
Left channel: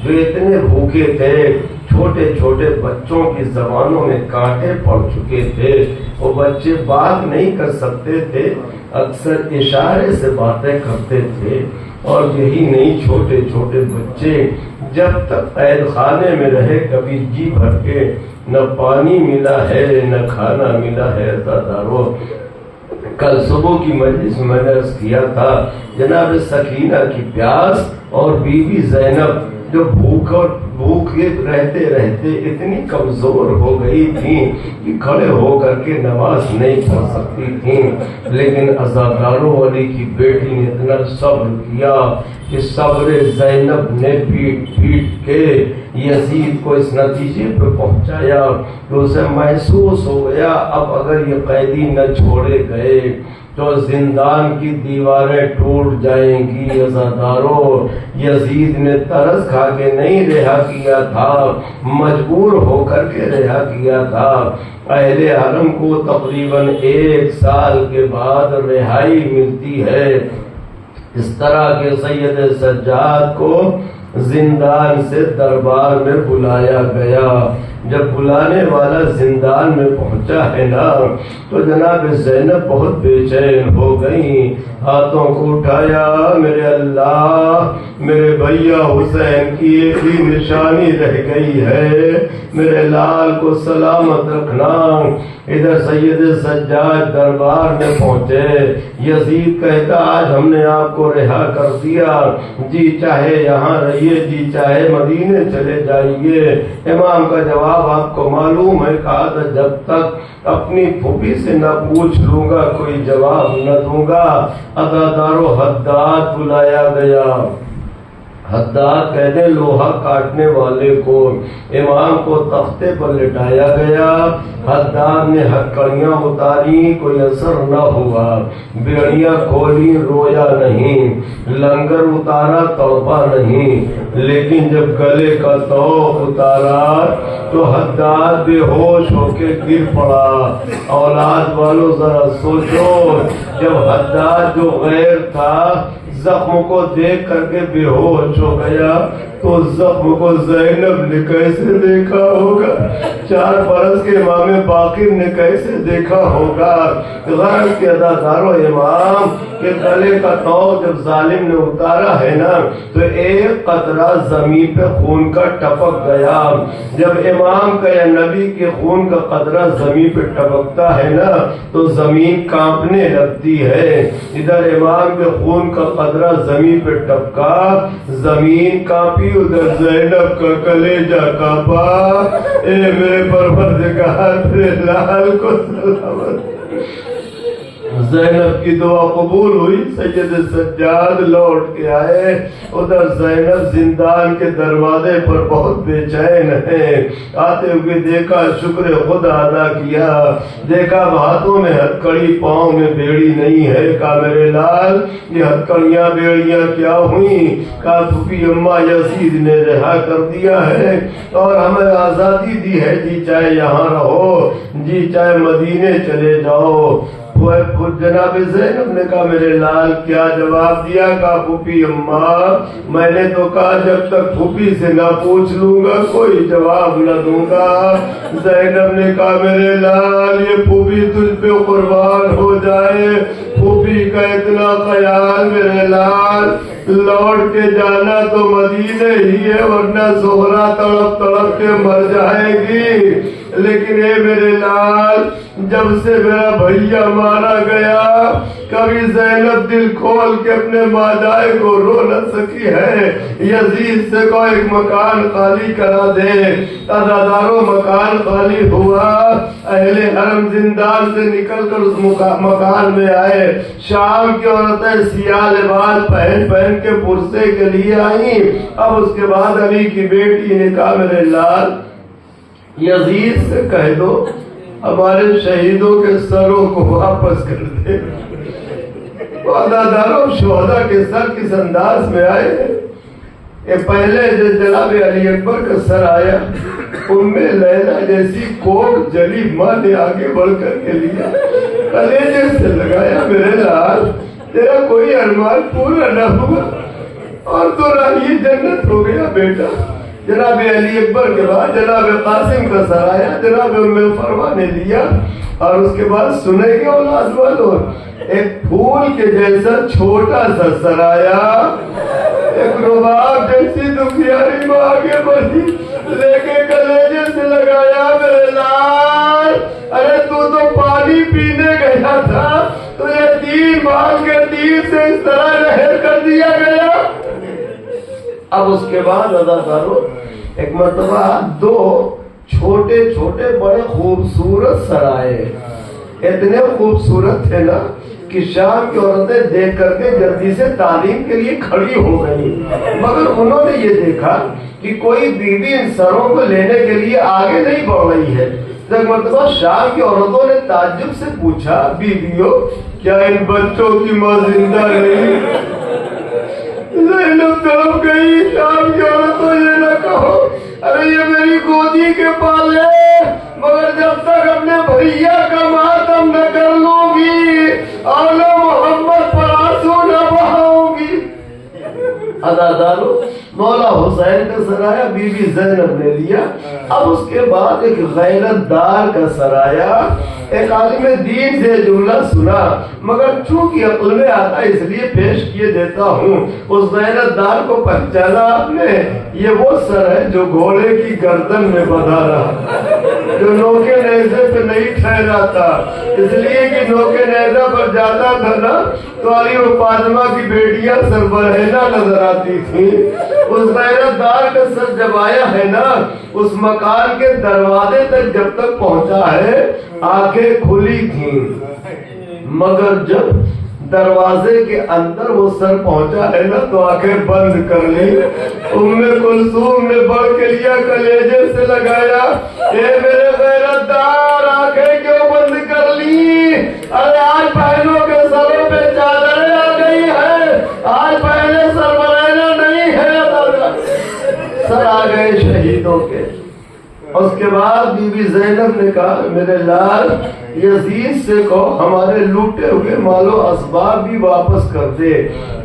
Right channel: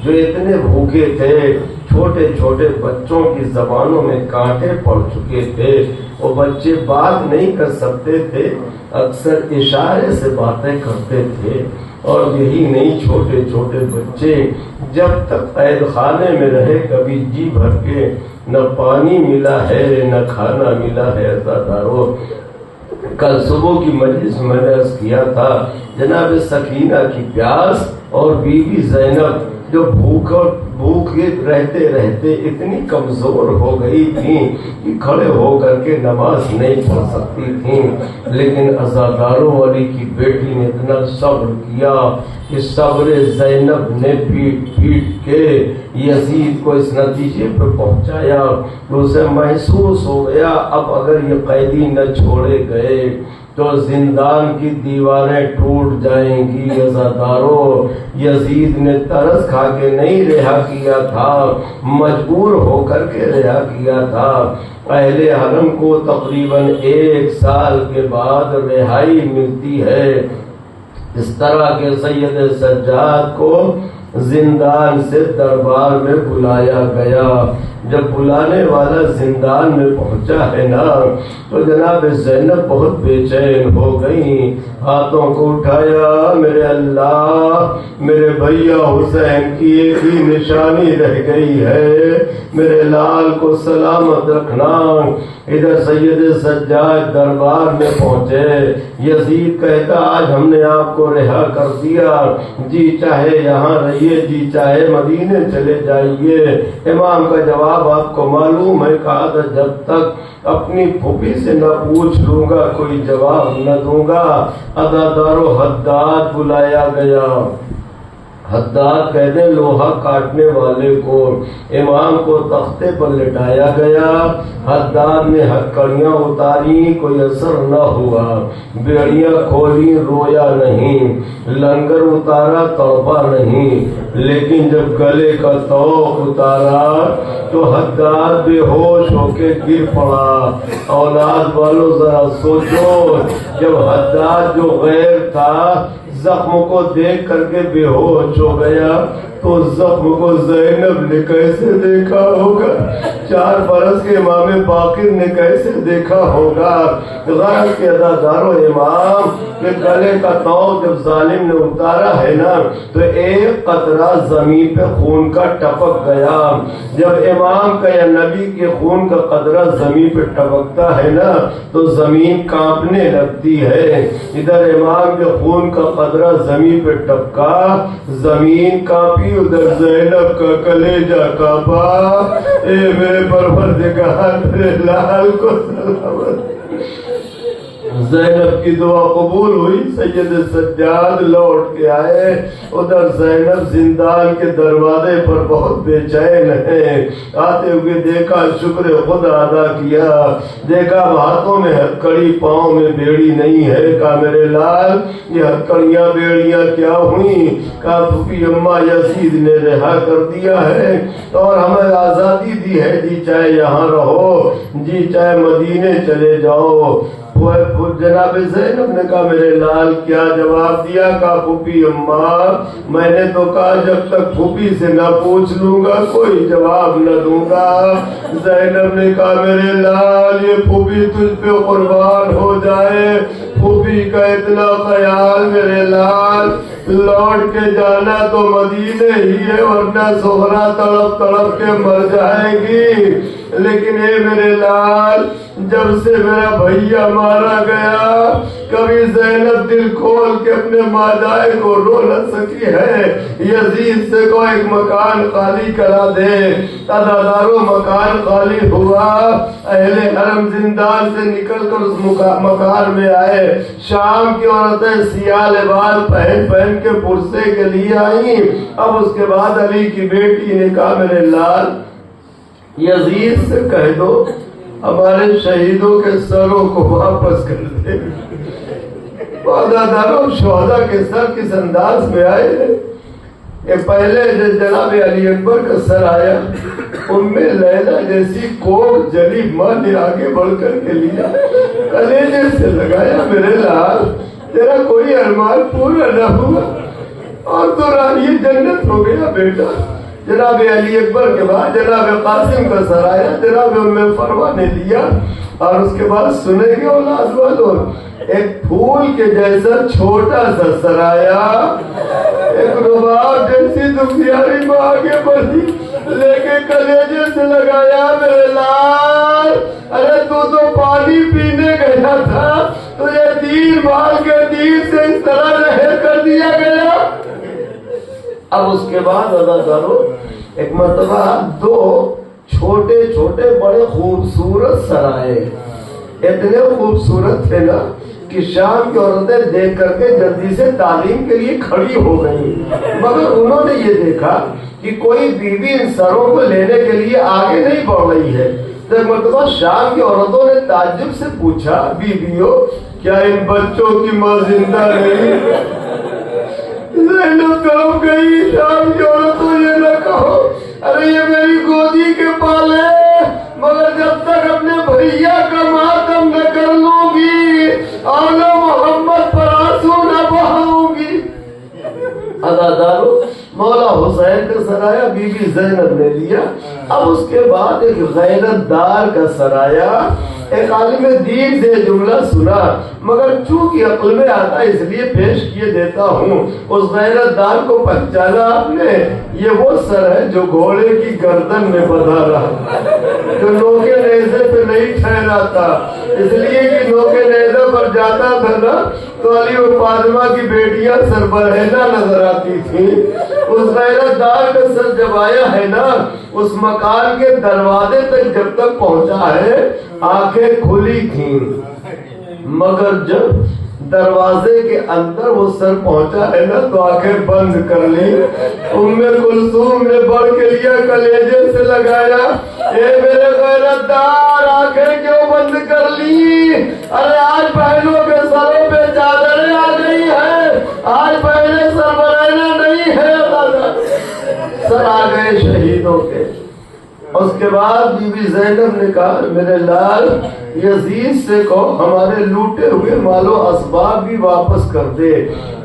جو اتنے بھوکے تھے، چھوٹے چھوٹے بچوں کی زبانوں میں کانٹے پڑ چکے تھے، وہ بچے بات نہیں کر سکتے تھے، اکثر اشارے سے باتیں کرتے تھے، اور یہی نہیں چھوٹے چھوٹے بچے جب تک قید خانے میں رہے کبھی جی بھر کے نہ پانی ملا ہے نہ کھانا ملا ہے۔ عزیزانو، کل صبح کی مجلس میں نے عرض کیا تھا، جناب سکینہ کی پیاس اور بی بی زینب جو بھوکے رہتے رہتے اتنی کمزور ہو گئی تھیں کہ کھڑے ہو کر کے نماز نہیں پڑھ سکتی تھیں، لیکن عزاداروں والی کی بیٹی نے اتنا صبر کیا کہ صبر زینب نے پیٹ پیٹ کے یزید کو اس نتیجے پر پہنچایا کہ اسے محسوس ہو گیا اب اگر یہ قیدی نہ چھوڑے گئے تو زندان کی دیواریں ٹوٹ جائیں گی۔ عزاداروں، یزید نے ترس کھا کے نہیں رہا کیا تھا، مجبور ہو کر کے رہا کیا تھا۔ اہل حرم کو تقریباً 1 سال کے بعد رہائی ملتی ہے۔ اس طرح کے سید سجاد کو زندان سے دربار میں بلایا گیا۔ جب بلانے والا زندان میں پہنچا ہے نا تو جناب زینب بہت بے چین ہو گئی، ہاتھوں کو اٹھایا، میرے اللہ، میرے بھیا حسین کی ایک ہی نشانی رہ گئی ہے، میرے لال کو سلامت رکھنا۔ ادھر سید سجاد دربار میں پہنچے، یزید کہتا آج ہم نے آپ کو رہا کر دیا، جی چاہے یہاں رہیے، جی چاہے مدینے چلے جائیے۔ امام کا جواب آپ کو معلوم ہے، کہا تھا جب تک اپنی پھوپھی سے نہ پوچھ لوں گا کوئی جواب نہ دوں گا۔ عزادارو، حداد بلایا گیا۔ حداد کہتے لوہا کاٹنے والے کو، امام کو تختے پر لٹایا گیا، حداد نے ہتکڑیاں اتاری، کوئی اثر نہ ہوا، بیڑیاں کھولی، رویا نہیں، لنگر اتارا، توبہ نہیں، لیکن جب گلے کا توق اتارا تو حداد بے ہوش ہو کے گر پڑا۔ اولاد والوں ذرا سوچو، جب حداد جو غیر تھا زخم کو دیکھ کر کے بے ہوش ہو گیا تو زخم کو زینب نے کیسے دیکھا ہوگا، 4 برس کے امام باقر نے کیسے دیکھا ہوگا۔ غیر کے عزادارو، امام کے گلے کا توق جب ظالم نے اتارا ہے نا تو ایک قطرہ زمین پہ خون کا ٹپک گیا۔ جب امام کا یا نبی کے خون کا قطرہ زمین پہ ٹپکتا ہے نا تو زمین کانپنے لگتی ہے۔ ادھر امام کے خون کا قطرہ زمین پہ ٹپکا، زمین کانپی، ادھر زینب کا کلیجہ کانپا۔ اے میرے پروردگار، میرے لال کو سلامت۔ زینب کی دعا قبول ہوئی، سید سجاد لوٹ کے آئے، ادھر زینب زندان کے دروازے پر بہت بے چین ہے، آتے ہوئے دیکھا، شکر خدا ادا کیا، دیکھا ہاتھوں میں ہتھکڑی، پاؤں میں بیڑی نہیں ہے، کہا میرے لال یہ ہتھکڑیاں بیڑیاں کیا ہوئیں؟ کہا پھوپھی اماں یزید نے رہا کر دیا ہے اور ہمیں آزادی دی ہے، جی چاہے یہاں رہو، جی چاہے مدینے چلے جاؤ۔ جناب زینب نے کہا میرے لال کیا جواب دیا؟ کہا پھوپھی اماں میں نے تو کہا جب تک پھوپھی سے نہ پوچھ لوں گا کوئی جواب نہ دوں گا۔ زینب نے کہا میرے لال یہ پھوپھی تجھ پہ قربان ہو جائے، پھوپھی کا اتنا خیال میرے لال، لوٹ کے جانا تو مدینے ہی ہے ورنہ زہرا تڑپ تڑپ کے مر جائے گی، لیکن اے میرے لال جب سے میرا بھیا مارا گیا کبھی زینب دل کھول کے اپنے ماجائے کو رو نہ سکی ہے، یزید سے کو ایک مکان خالی کرا دے، عزاداروں مکان خالی ہوا، اہل حرم زندان سے نکل کر اس مکان میں آئے، شام کی عورتیں سیاہ لباس پہن پہن کے پرسے کے لیے آئیں۔ اب اس کے بعد علی کی بیٹی نے کہا میرے لال یزید سے کہہ دو ہمارے شہیدوں کے سروں کو واپس کر دے۔ عزاداروں شہداء کے سر کس انداز میں آئے ہیں؟ یہ پہلے جناب علی اکبر کا سر آیا، ام لیلا جیسی کوٹ جلی ماں نے آگے بڑھ کر کے لیا، کلیجے سے لگایا میرے لال تیرا کوئی ارمان پورا نہ ہوا اور تو راہی جنت ہو گیا بیٹا۔ جناب علی اکبر کے بعد جناب قاسم کا سر آیا، جناب ام فروا نے لیا، اور اس کے بعد سنے گے اولاد والوں ایک پھول کے جیسا چھوٹا سا سر آیا، ایک رباب جیسی دنیاری میں آگے بڑھی، لے کے کلیجے سے لگایا میرے لال ارے تو پانی پینے گیا تھا، تجھے دین مال کے دین سے اس طرح لہر کر دیا گیا۔ اب اس کے بعد ادا کرو ایک مرتبہ دو چھوٹے چھوٹے بڑے خوبصورت سرائے، اتنے خوبصورت تھے نا کہ شام کی عورتیں دیکھ کر کے جلدی سے تعلیم کے لیے کھڑی ہو گئی، مگر انہوں نے یہ دیکھا کہ کوئی بیوی ان سروں کو لینے کے لیے آگے نہیں بڑھ رہی ہے۔ ایک مرتبہ شام کی عورتوں نے تعجب سے پوچھا بیویوں کیا ان بچوں کی ماں زندہ نہیں؟ زینب تڑپ گئی، شام کی عورتوں یہ نہ کہو ارے یہ میری گودی کے پالے، مگر جب تک اپنے بھیا کا ماتم نہ کر لوں گی آل محمد پر آنسو نہ بہاؤں گی۔ عزادارو مولا حسین کا سرایا بی بی زینب نے لیا۔ اب اس کے بعد ایک غیرت دار کا سرایا، ایک عالم دین سے جملہ سنا مگر چونکہ عقل میں آتا اس لیے پیش کیے دیتا ہوں۔ اس غیرت دار کو پہچانا آپ نے؟ یہ وہ سر ہے جو گھوڑے کی گردن میں بندھا رہا، جو نوکے نیزے پہ نہیں ٹھہرا تھا، اس لیے کہ نوکے نیزے پر جاتا تھا نا تو علی و فاطمہ کی بیٹیاں سربرہنہ نظر آتی تھیں۔ اس غیرت دار کا سر جب آیا ہے نا اس مکان کے دروازے تک جب تک پہنچا ہے آنکھیں کھلی تھیں، مگر جب دروازے کے اندر وہ سر پہنچا ہے نا تو آنکھیں بند کر لی۔ ام کلثوم نے بڑھ کے لیا کلیجے سے لگایا، اے میرے غیرت دار آنکھیں کیوں بند کر لی؟ ارے آج بہنوں کے سروں پہ چادریں آ گئی ہے، آج بہنیں سربرہنہ نہیں ہے، سر آ گئے شہیدوں کے۔ اس کے بعد بی بی زینب نے کہا میرے لال یزید سے کہو ہمارے لوٹے ہوئے مال و اسباب بھی واپس کر دے۔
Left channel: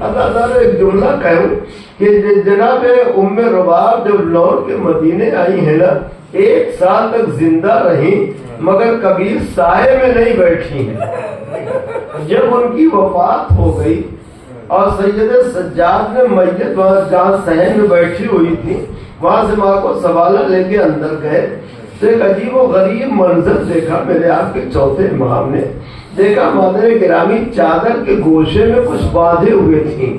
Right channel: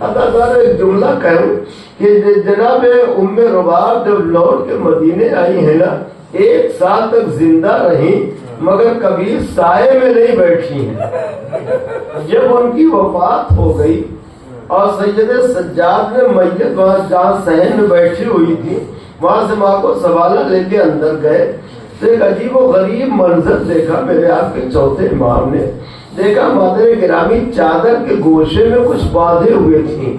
عزادارو ایک جملہ کہوں کہ جناب ام رباب جب لوٹ کے مدینے آئی ہے نا 1 سال تک زندہ رہی مگر کبھی سائے میں نہیں بیٹھی ہیں۔ جب ان کی وفات ہو گئی اور سید سجاد نے میت وہاں جہاں صحن میں بیٹھی ہوئی تھی وہاں سے ماں کو سوالہ لے کے اندر گئے تو ایک عجیب و غریب منظر دیکھا۔ میرے آپ کے چوتھے امام نے دیکھا مادر گرامی چادر کے گوشے میں کچھ باندھے ہوئے تھیں،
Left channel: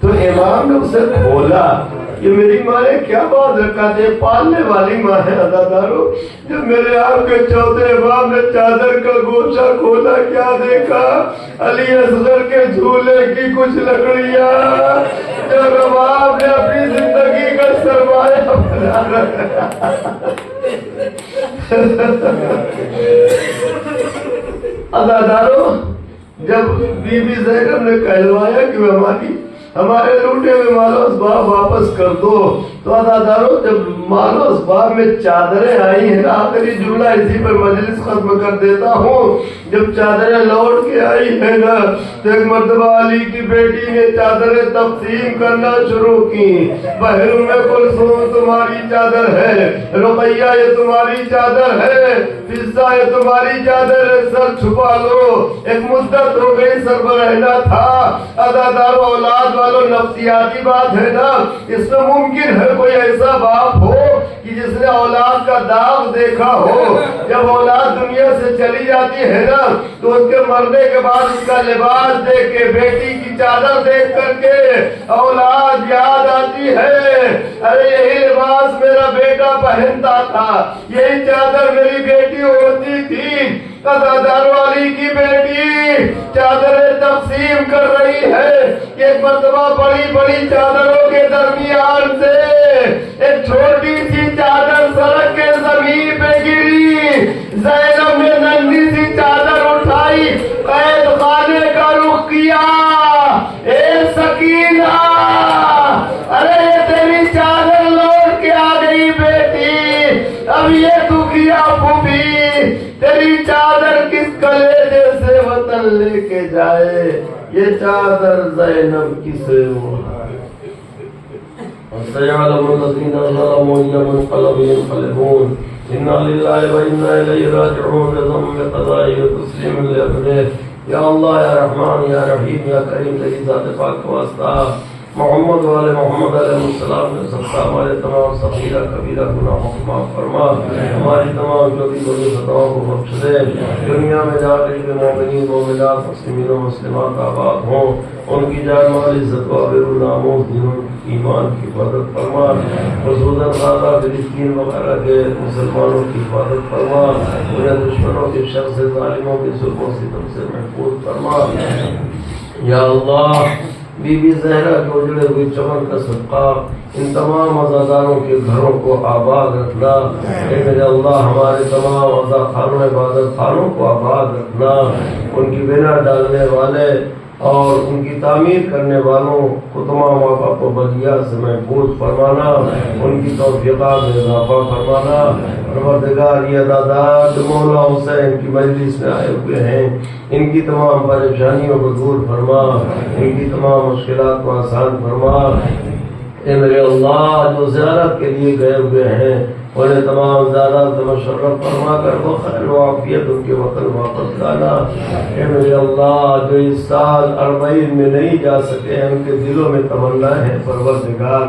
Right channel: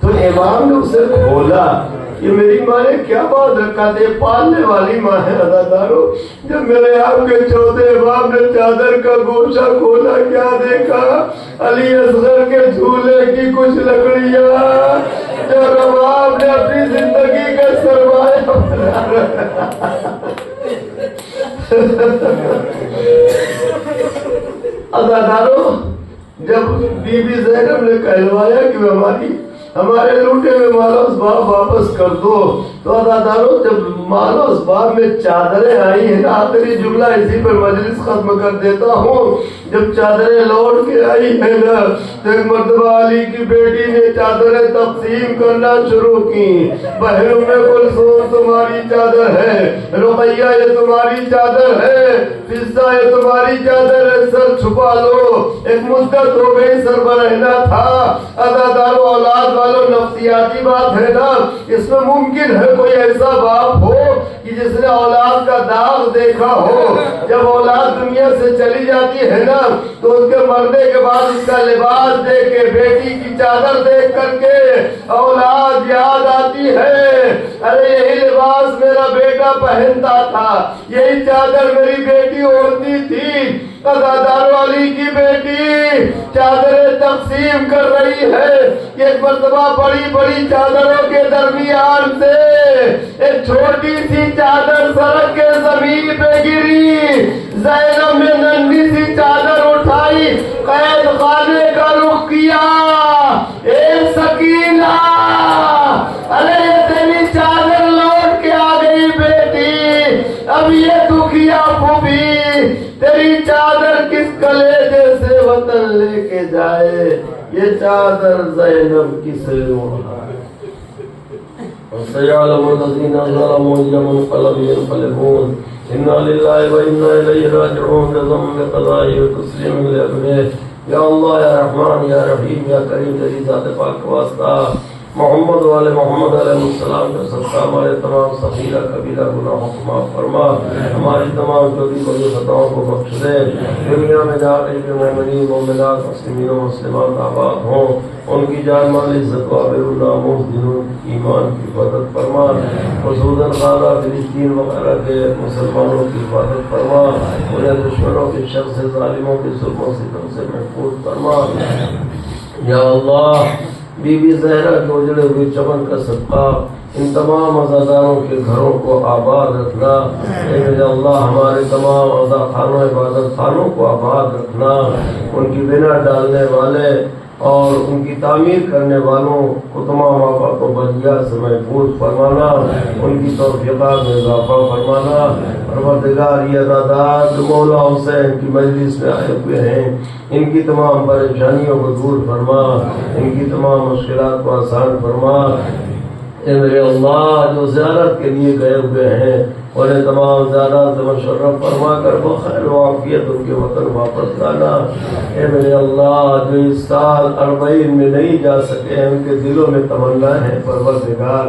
تو تو امام نے اسے کھولا. یہ میری ماں نے کیا بات رکھا تھے, پالنے والی ماں ہے ادادارو. جب میرے آپ کے چوتھے امام نے چادر کا گوشہ کھولا, کیا دیکھا؟ علی اصغر کے جھولے کی کچھ لکڑیاں جو رباب نے اپنی زندگی کا سرمایہ بنا رکھا. ادادارو, جب بی بی زینب نے کہلوایا کہ ہمارے لوٹے ہوئے مال و اسباب واپس کر دو, تو ادادارو جب مال و اسباب میں چادریں آئی ہیں, آخری جملہ اسی پر مجلس ختم کر دیتا ہوں. جب چادریں لوٹ کے آئی ہیں نا, تو ایک مرتبہ علی کی بیٹی نے چادریں تقسیم کرنا شروع کی. بہن ام کلثوم تمہاری چادر ہے, رقیہ یہ تمہاری چادر ہے, فضہ یہ تمہاری چادر ہے, سر چھپا لو. ایک مدت ہو گئی سر پر رہنا تھا. ادادارو اولاد والو, نفسیاتی بات ہے نا. اس میں ممکن ہے کوئی ایسا باپ ہو کہ جس نے اولاد کا داغ دیکھا ہو. جب اولاد دنیا سے چلی جاتی ہے نا, تو اس کے مرنے کے بعد اس کا لباس دیکھ کے, بیٹی کی چادر دیکھ کر کے اولاد یاد آتی ہے. ارے یہی لباس میرا بیٹا پہنتا تھا, یہی چادر میری بیٹی اوڑھتی تھی. ادادارو علی کی بیٹی چادریں تقسیم کر رہی ہے. ایک مرتبہ بڑی بڑی چادروں کے درمیان سے ایک چھوٹی سی چادر سڑک کے زمین پہ گری. زینب نے ننھی سی چادر اٹھائی, قید خانے کا رخ کیا. اے سکینہ, ارے تیری چادر لوٹ کے آ گئی بیٹی. اب یہ دکھیا پھوپھی تیری چادر کس کلیجے سے وطن لے کے جائے. یہ چادر زینب کسے اوڑھائے. سيعلم الذين ظلموا أيام منقلب ينقلبون. إنا لله وإنا إليه راجعون. بضم قضائه وتسليم لأمره. یا اللہ, یا رحمان, یا رحیم, یا کریم, تیری ذات پاک کا واسطہ محمد والے محمد علیہ السلام نے صدقہ ہمارے تمام صغیرہ کبیرہ گناہوں کو معاف فرما, ہماری تمام چھوٹی بڑی خطاؤں کو بخش دے. دنیا میں جا کر جو مومنین مومنات مسلمین و مسلمات آباد ہوں, ان کی جان مال عزت و آبرو ناموس دین ایمان کی حفاظت فرما. خصوصاً غزہ فلسطین وغیرہ کے مسلمانوں کی حفاظت فرما. انہیں دشمنوں کے شر سے, ظالموں کے ظلموں سے محفوظ فرما. یا اللہ, بی بی زہرا کے اجڑے ہوئے چمن کا صدقہ ان تمام عزاداروں کے گھروں کو آباد رکھنا. اے میرے اللہ, ہمارے تمام عزا خانوں, عبادت خانوں کو آباد رکھنا. ان کی بنا ڈالنے والے اور ان کی تعمیر کرنے والوں کو تمام آفات کو بدیا سے محفوظ فرمانا. ان کی توفیقات میں اضافہ فرمانا. پروردگار, یہ ادادار جو مولا حسین کی مجلس میں آئے ہوئے ہیں, ان کی تمام پریشانیوں کو دور فرما, ان کی تمام مشکلات کو آسان فرما. اے میرے اللہ, جو زیارت کے لیے گئے ہوئے ہیں, انہیں تمام زیارت سے مشرف فرما کر بخیر و عافیت ان کے وطن واپس لانا. اے میرے اللہ, جو اس سال 40 میں نہیں جا سکے, ان کے دلوں میں تمنا ہے, پروردگار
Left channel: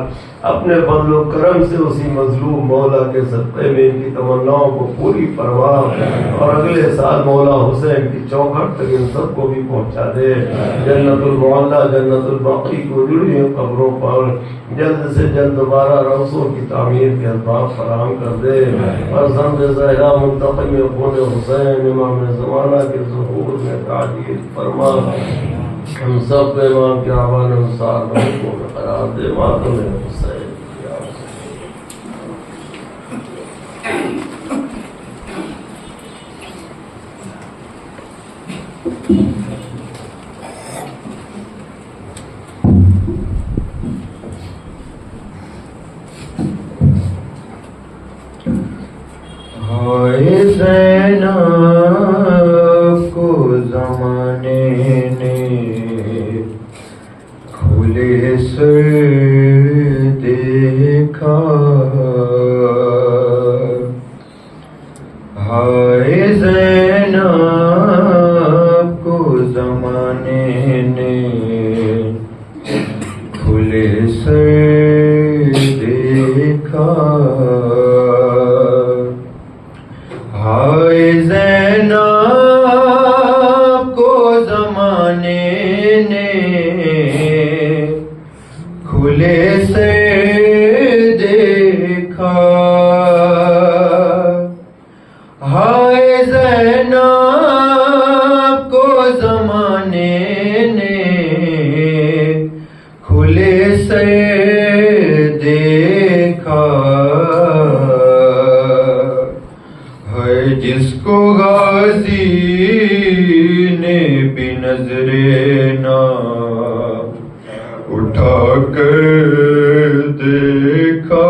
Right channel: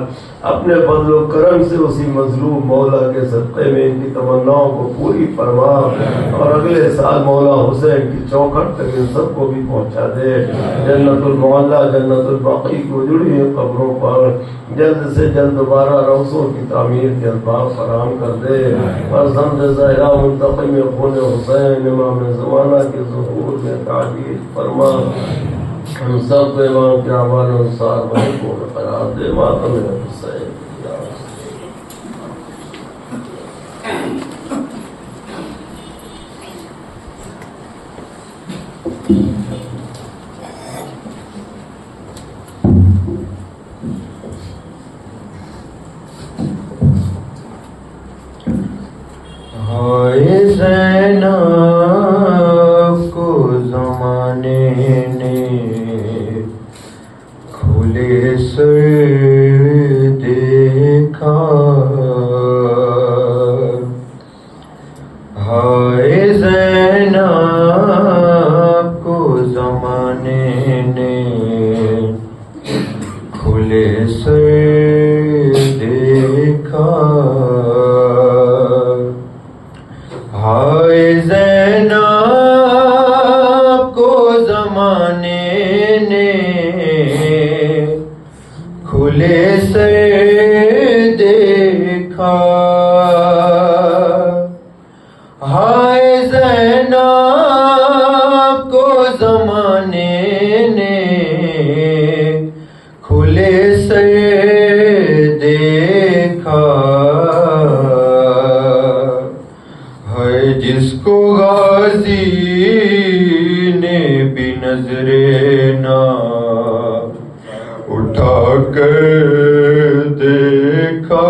اپنے فضل و کرم سے اسی مظلوم مولا کے صدقے میں ان کی تمناؤں کو پوری فرما, اور اگلے سال مولا حسین کی چوکھٹ تک ان سب کو بھی پہنچا دے. جنت المعلا, جنت الباقی کو جڑی ہوئی قبروں پر جلد سے جلد دوبارہ روضوں کی تعمیر کے اسباب فراہم کر دے. اور فرزند زہرا منتقم خون حسین امام زمانہ کے ظہور میں تعجیل فرما. ہم سب کو امام کے اعوان انصار کو قرار دے. ماتم حسین زینب کو زمانے نے کھلے سر دیکھا. ہائے زینب کو زمانے نے کھلے سر دیکھا. ہائے زینب کو زمانے نے کھلے سے دیکھا ہے جس کو غازی نے بھی نظر نہ اٹھا کر دیکھا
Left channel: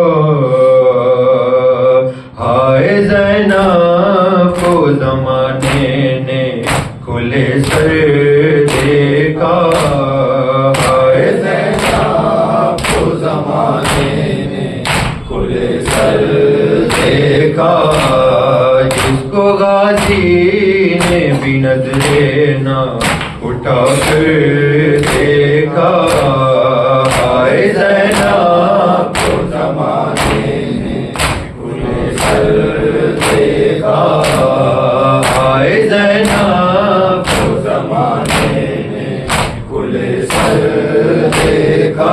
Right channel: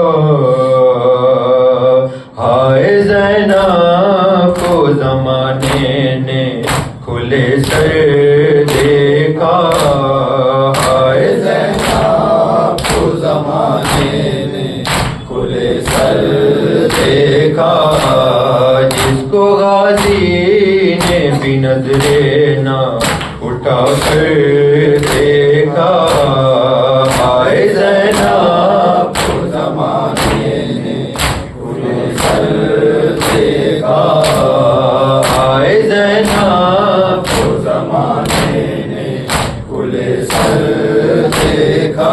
ہائے زینب کو زمانے نے کھلے سے دیکھا ہائے زینب کو زمانے نے کھلے سر دیکھا جس کو غازی نے بھی نظر نہ اٹھا کر دیکھا ہائے زینب کو زمانے نے کھلے سر دیکھا ہائے زینب کو زمانے نے کھلے سر دیکھا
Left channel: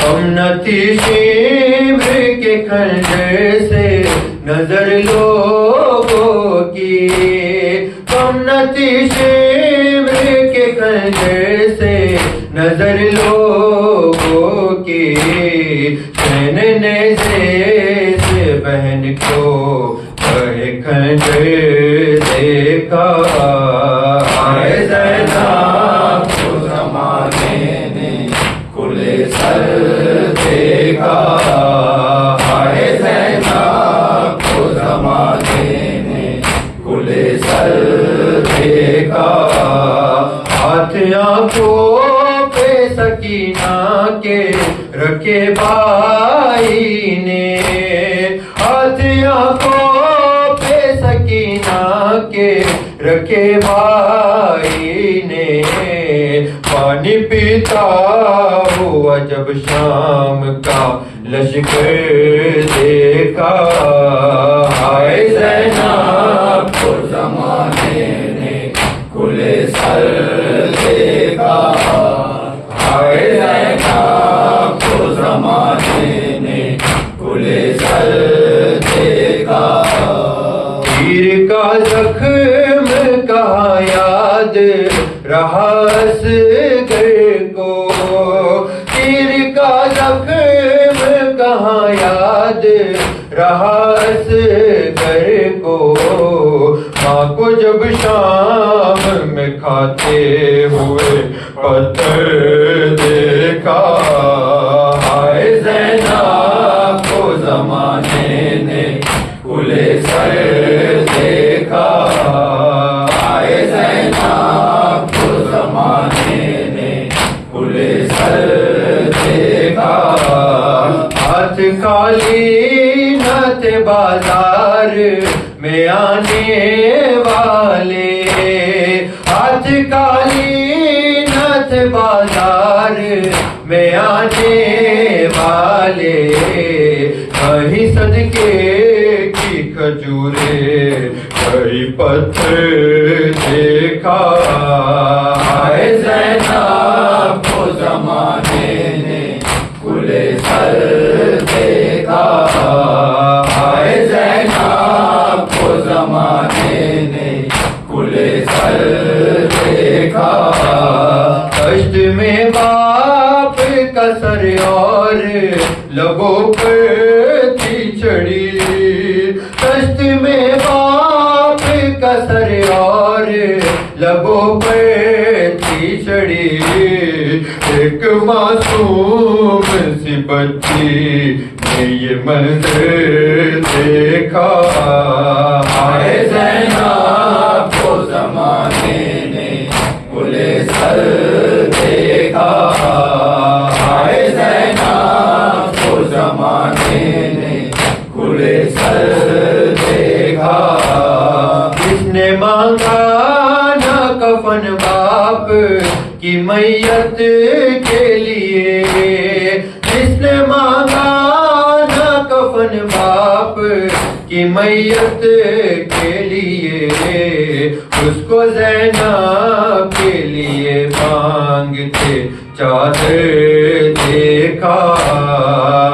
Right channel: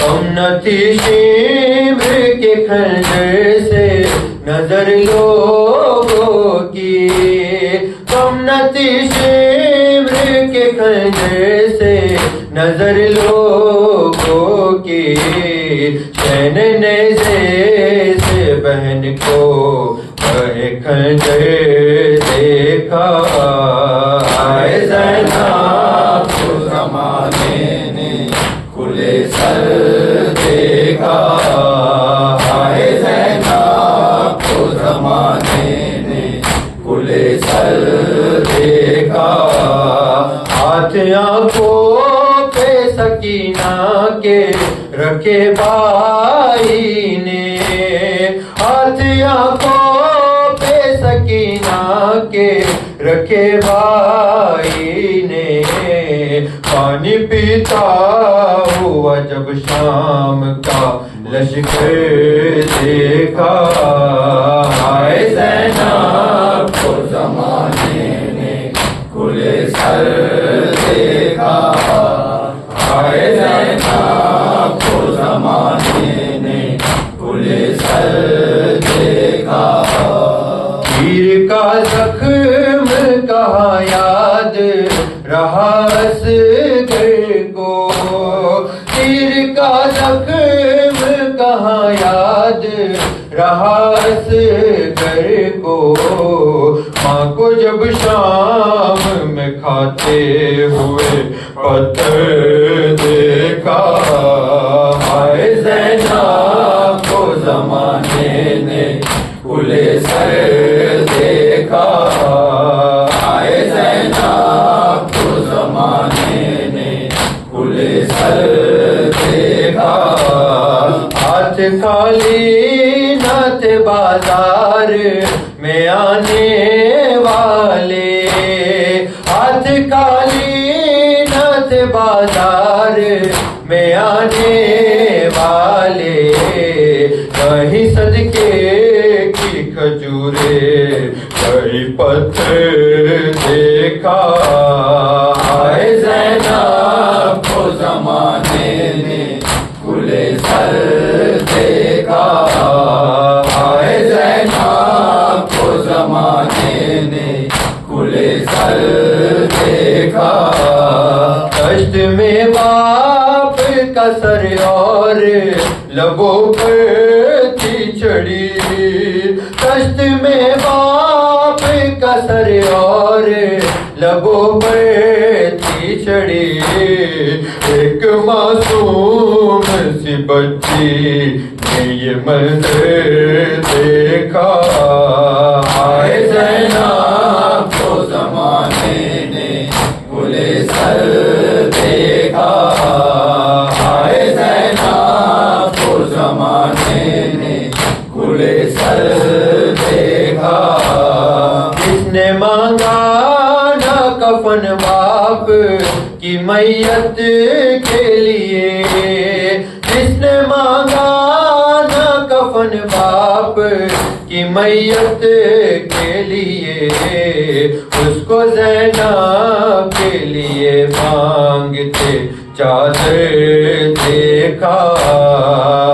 ہم نتی شیبر کے خنجر سے نظر لوگوں کی ہم نتی شیبر کے خنجر سے نظر لوگوں کی چین نیزے سے بہن کو کہے خنجر دیکھا ہائے زینب کو زمانے نے کھلے سر دیکھا ہائے زینب کو زمانے نے کھلے سر دیکھا ہاتھ آنکھوں پہ سکینہ کے رکھے بھائی نے ہاتھ آنکھوں پہ سکینہ کے رکھے بھائی نے پانی پیتا ہوا جب شام کا لشکر دیکھا ہائے زینب کو زمانے نے کھلے سر دیکھا ہائے زینب کو زمانے نے کھلے سر دیکھا تیر کا زخم کہاں یاد رہا اصغر کو تیر کا زخم کہاں یاد رہا اصغر کو ماں کو جب شام میں کھاتے ہوئے پتھر دیکھا ہائے زینب کو زمانے نے کھلے سر دیکھا ہائے زینب کو زمانے نے کھلے سر دیکھا ہاتھ خالی نہ تھے بازار میں آنے والے ہاتھ خالی نہ تھے بازار میں آنے والے کہیں صدقے کی کھجورے کہیں پتھر دیکھا ہائے زینب کو زمانے نے کھلے سر دیکھا ہائے زینب کو زمانے نے کھلے سر دیکھا کشت میں باپ کا سر اور لبوں پر تھی چڑی کشت میں باپ کا سر اور لبوں پر تھی چڑی ایک معصوم سی بچی نے یہ منظر دیکھا ہائے زینب کو زمانے نے کھلے سر دیکھا ہائے زینب کو زمانے نے کھلے سر دیکھا کس نے مانگا نہ کفن باپ کی میت کے لیے جس نے مانگا نہ کفن باپ کی میت کے لیے اس کو زینب کے لیے مانگتے چادر دیکھا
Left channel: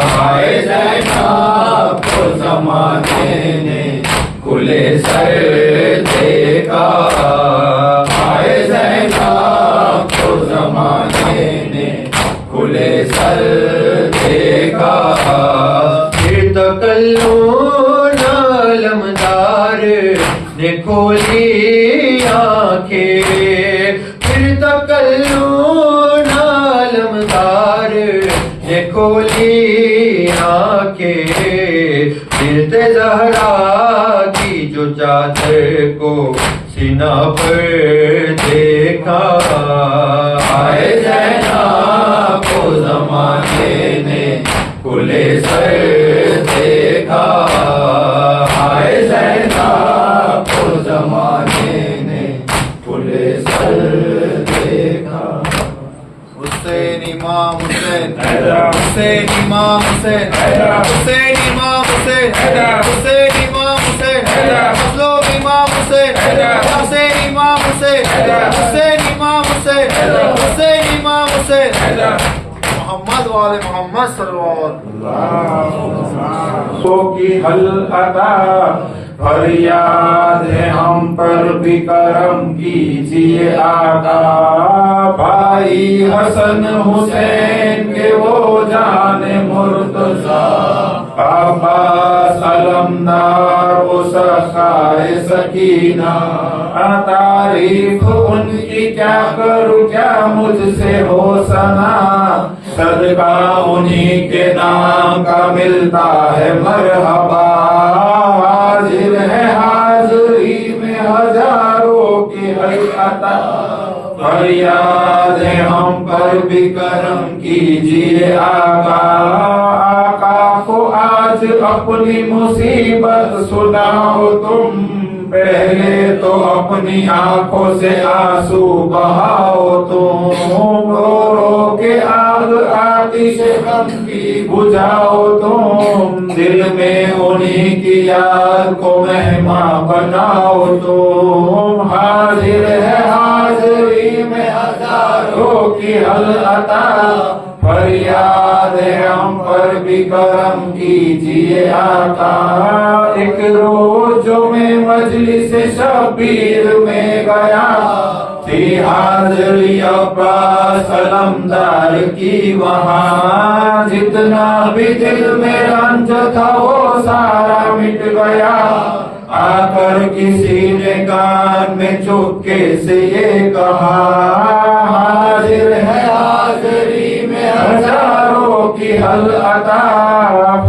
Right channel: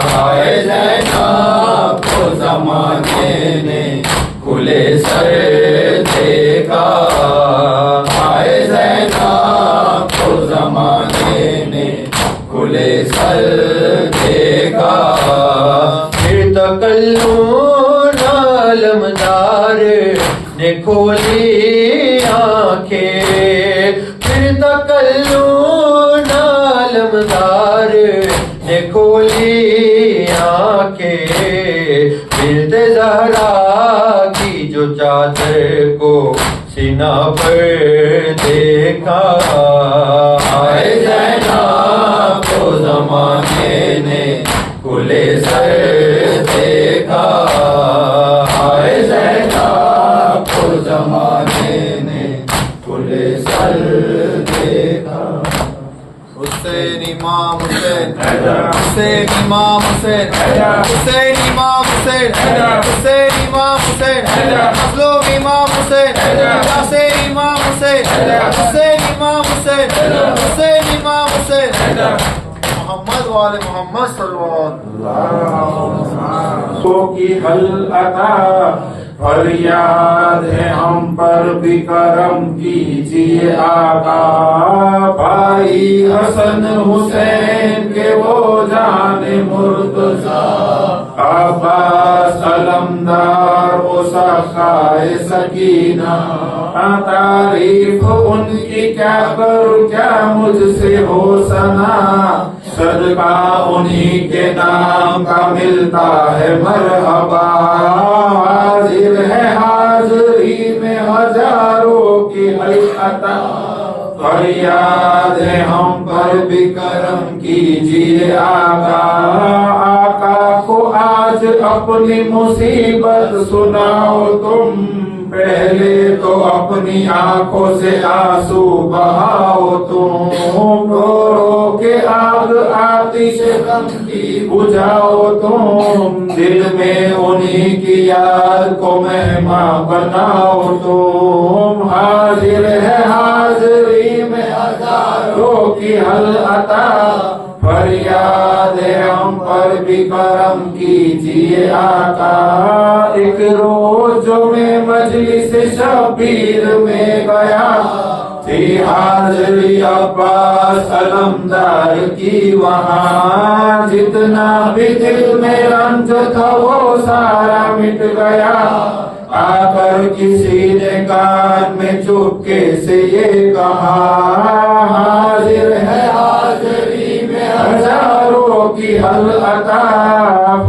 ہائے زینب کو زمانے نے کھلے سر دیکھا ہائے زینب کو زمانے نے کھلے سر دیکھا پھر تکلون علمدار نے کھولی آنکھیں پھر تکلون علمدار نے کھولی آنکھیں پھرتے زہرا کی جو چادر کو سینہ پر دیکھا آئے زینب کو زمانے نے کھلے سر دیکھا آئے زینب کو زمانے نے کھلے سر دیکھا حسین امام حسین حسین امام حسین حسین امام حسین حسین امام حسین مظلوم امام حسین حسین امام حسین حسین امام حسین حسین امام حسین محمد والے محمد صلی اللہ سو کی حل عطا فریاد ہے ہم پر بھی کرم کیجیے آقا بھائی حسن حسین کے وہ جان مرتضی عباس علمدار وہ سخائے سکینہ تعریف ان کی کیا کروں کیا مجھ سے ہو سنا صدقہ انہی کے نام کا ملتا ہے مرحبا حاضر ہے حاضری میں ہزاروں کی حقیقت فریاد ہے ہم پر بھی کرم کیجیے آقا آقا کو آج اپنی مصیبت سناؤ تم پہلے تو اپنی آنکھوں سے آنسو بہاؤ تم رو رو کے آگ آتش غم کی بجھاؤ تم دل میں انہی کی یاد کو مہمان بناؤ تم حاضر ہے حاضری میں ہزاروں کی حل عطا فریاد ہے ہم پر بھی کرم کیجیے آقا ایک روز جو میں مجلس شبیر میں گیا تھی حاضری عباس علمدار کی وہاں جتنا بھی دل میں رنج تھا وہ سارا مٹ گیا آ کر کسی نے کان میں چپکے سے یہ کہا حاضر ہے حاضری میں ہزاروں کی حل عطا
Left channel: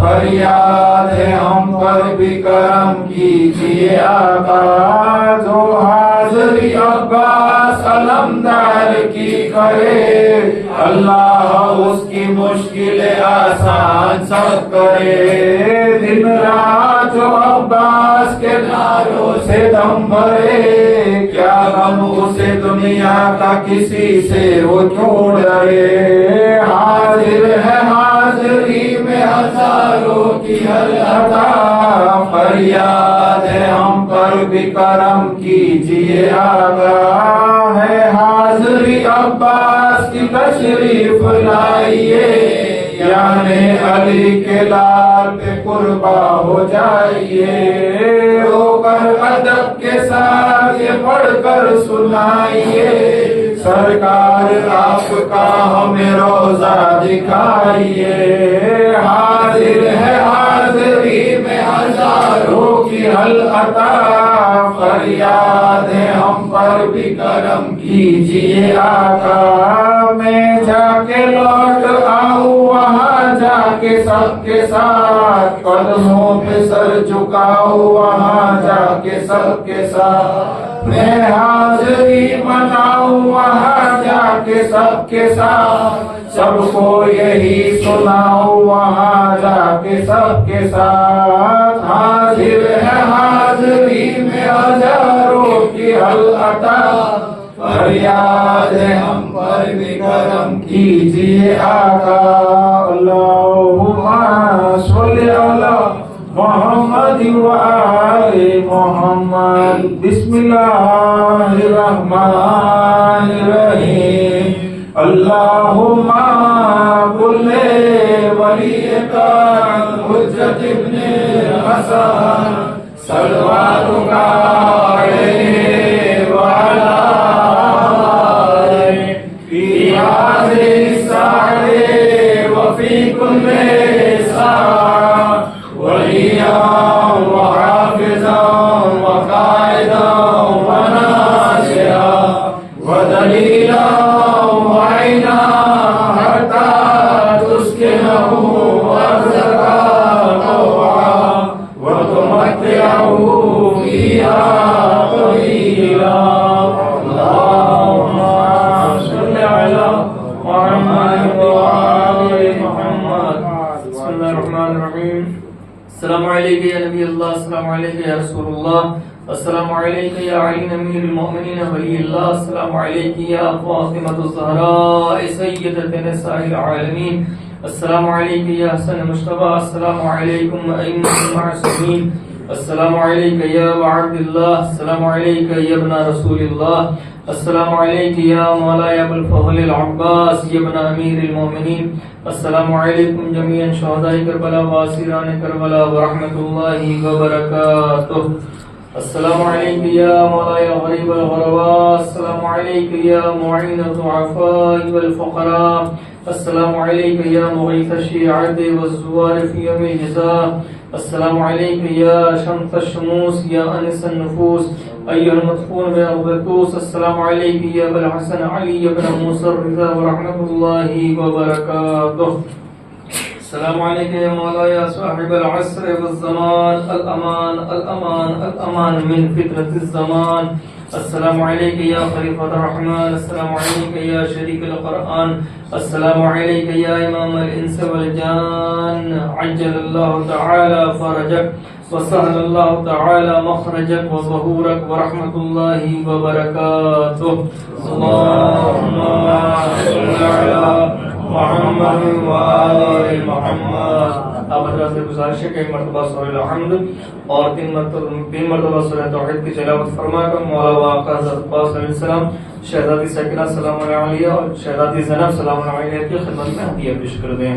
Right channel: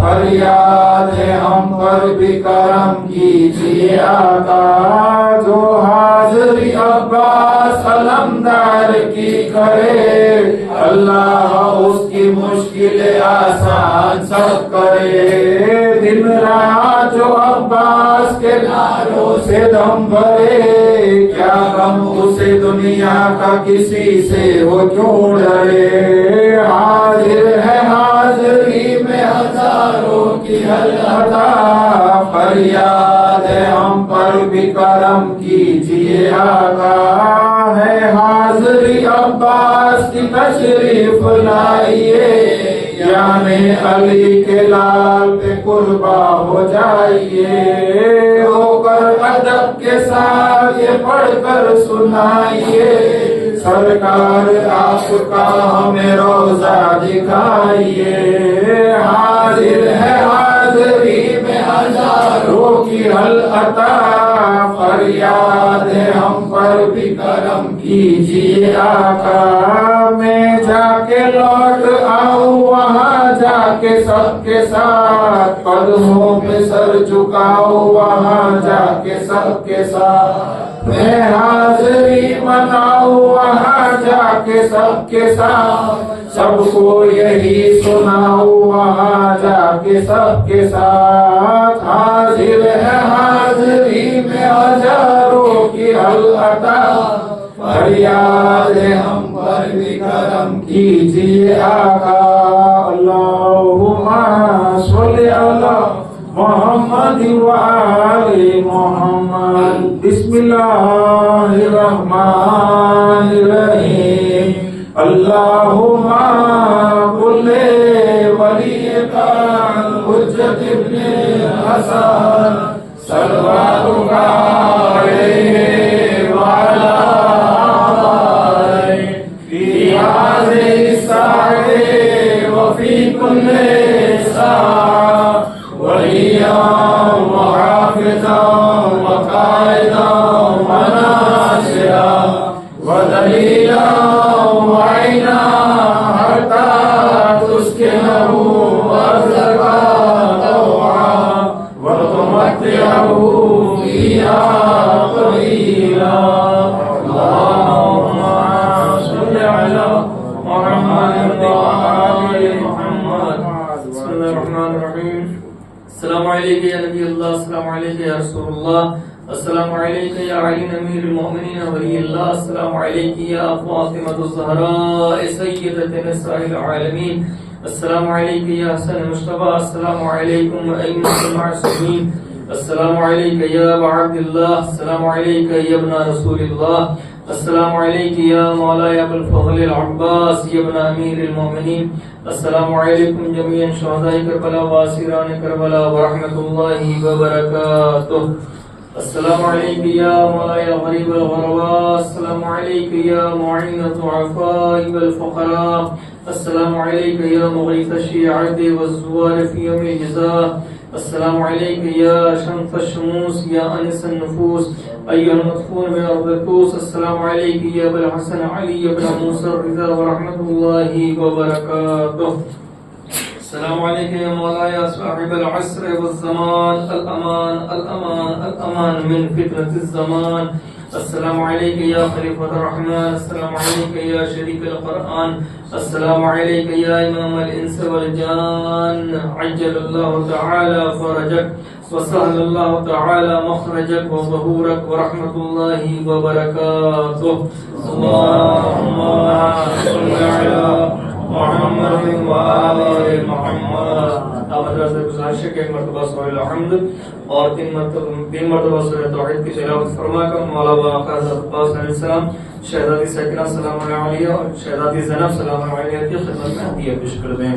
فریاد ہے ہم پر بھی کرم کیجیے آقا جو حاضری عباس علمدار کی کرے اللہ اس کی مشکلیں آسان سب کرے دن رات جو عباس کے ناروں سے دم بھرے کیا غم اسے دنیا کا کسی سے وہ کیوں ڈرے حاضر ہے حاضری میں ہزاروں کی حل عطا فریاد ہے ہم پر بھی کرم کیجیے آقا ہے حاضری عباس کی تشریف لائیے یعنی علی کے لال پہ قربا ہو جائیے رو کر ادب کے ساتھ یہ پڑھ کر سنائیے سرکار آپ کا ہمیں روزہ دکھائیے حاضر ہے حاضری میں ہزاروں کی حل عطا فریاد ہے ہم پر بھی کرم کیجیے آقا میں جا کے لوٹ آؤں وہاں جا کے سب کے ساتھ قدموں پہ سر جھکاؤ وہاں جا کے سب کے ساتھ میں حاضری مناؤں وہاں جا کے سب کے ساتھ سب کو یہی سناؤ وہاں جا کے سب کے ساتھ حاضر ہے حاضری میں ہزاروں کی حل عطا فریاد ہے ہم پر بھی کرم کیجیے آقا اللہم صلی علی محمد وآل محمد بسم اللہ الرحمن الرحیم اللہم کل ولی کا حجت ابن حسن سلواتک علیہ وعلی آلہ فی هذه الساعة في كل ساعة وليا وحافظا وقائدا وناصرا ودليلا وعينا حتى تسكنه أرضك طوعا وتمتعه فيها قليلا. اللهم صل على محمد وآل محمد. بسم الله الرحمن الرحيم. السلام عليك يا نبي الله، السلام عليك يا رسول الله، السلام عليك يا علي أمير المؤمنين ولي الله، السلام عليك يا فاطمة الزهراء سيدة نساء العالمين، السلام عليك يا حسن المصطفى، السلام عليكم أئمة المعصومين، السلام عليك يا أبا عبد الله، السلام عليك يا ابن رسول الله، السلام عليك يا مولاي أبو الفضل العباس يا ابن أمير المؤمنين، السلام عليكم جميعا شهداء كربلاء واسران كربلاء ورحمة الله وبركاته. السلام عليك يا مولاي غريب الغرباء، السلام عليك يا معين الضعفاء والفقراء، السلام عليك يا مغيث الشيعة والزوار في يوم الجزاء، السلام عليك يا شمس الشموس يا أنس النفوس أيها المدفون بأرض الكوس، السلام عليك يا أبا الحسن علي بن موسى الرضا ورحمة الله وبركاته. السلام عليك يا مولاي صاحب العصر والزمان، الأمان الأمان الأمان من فتنة الزمان، السلام عليك يا خليفة الرحمن، السلام عليك يا شريك القرآن، السلام عليك يا إمام الإنس والجان، عجل الله تعالى فرجك وسهل الله تعالى مخرجك وظهورك ورحمة الله وبركاته. اللهم صل على محمد وآل محمد. اب حضرات سے گزارش ہے کہ ایک مرتبہ سورہ الحمد اور تین مرتبہ سورہ توحید کی تلاوت فرما کر مولا و آقا حضرت عباس علیہ السلام، شہزادی سکینہ سلام علیہ اور شہزادی زینب سلام علیہ کی خدمت میں ہدیہ پیش کر دیں.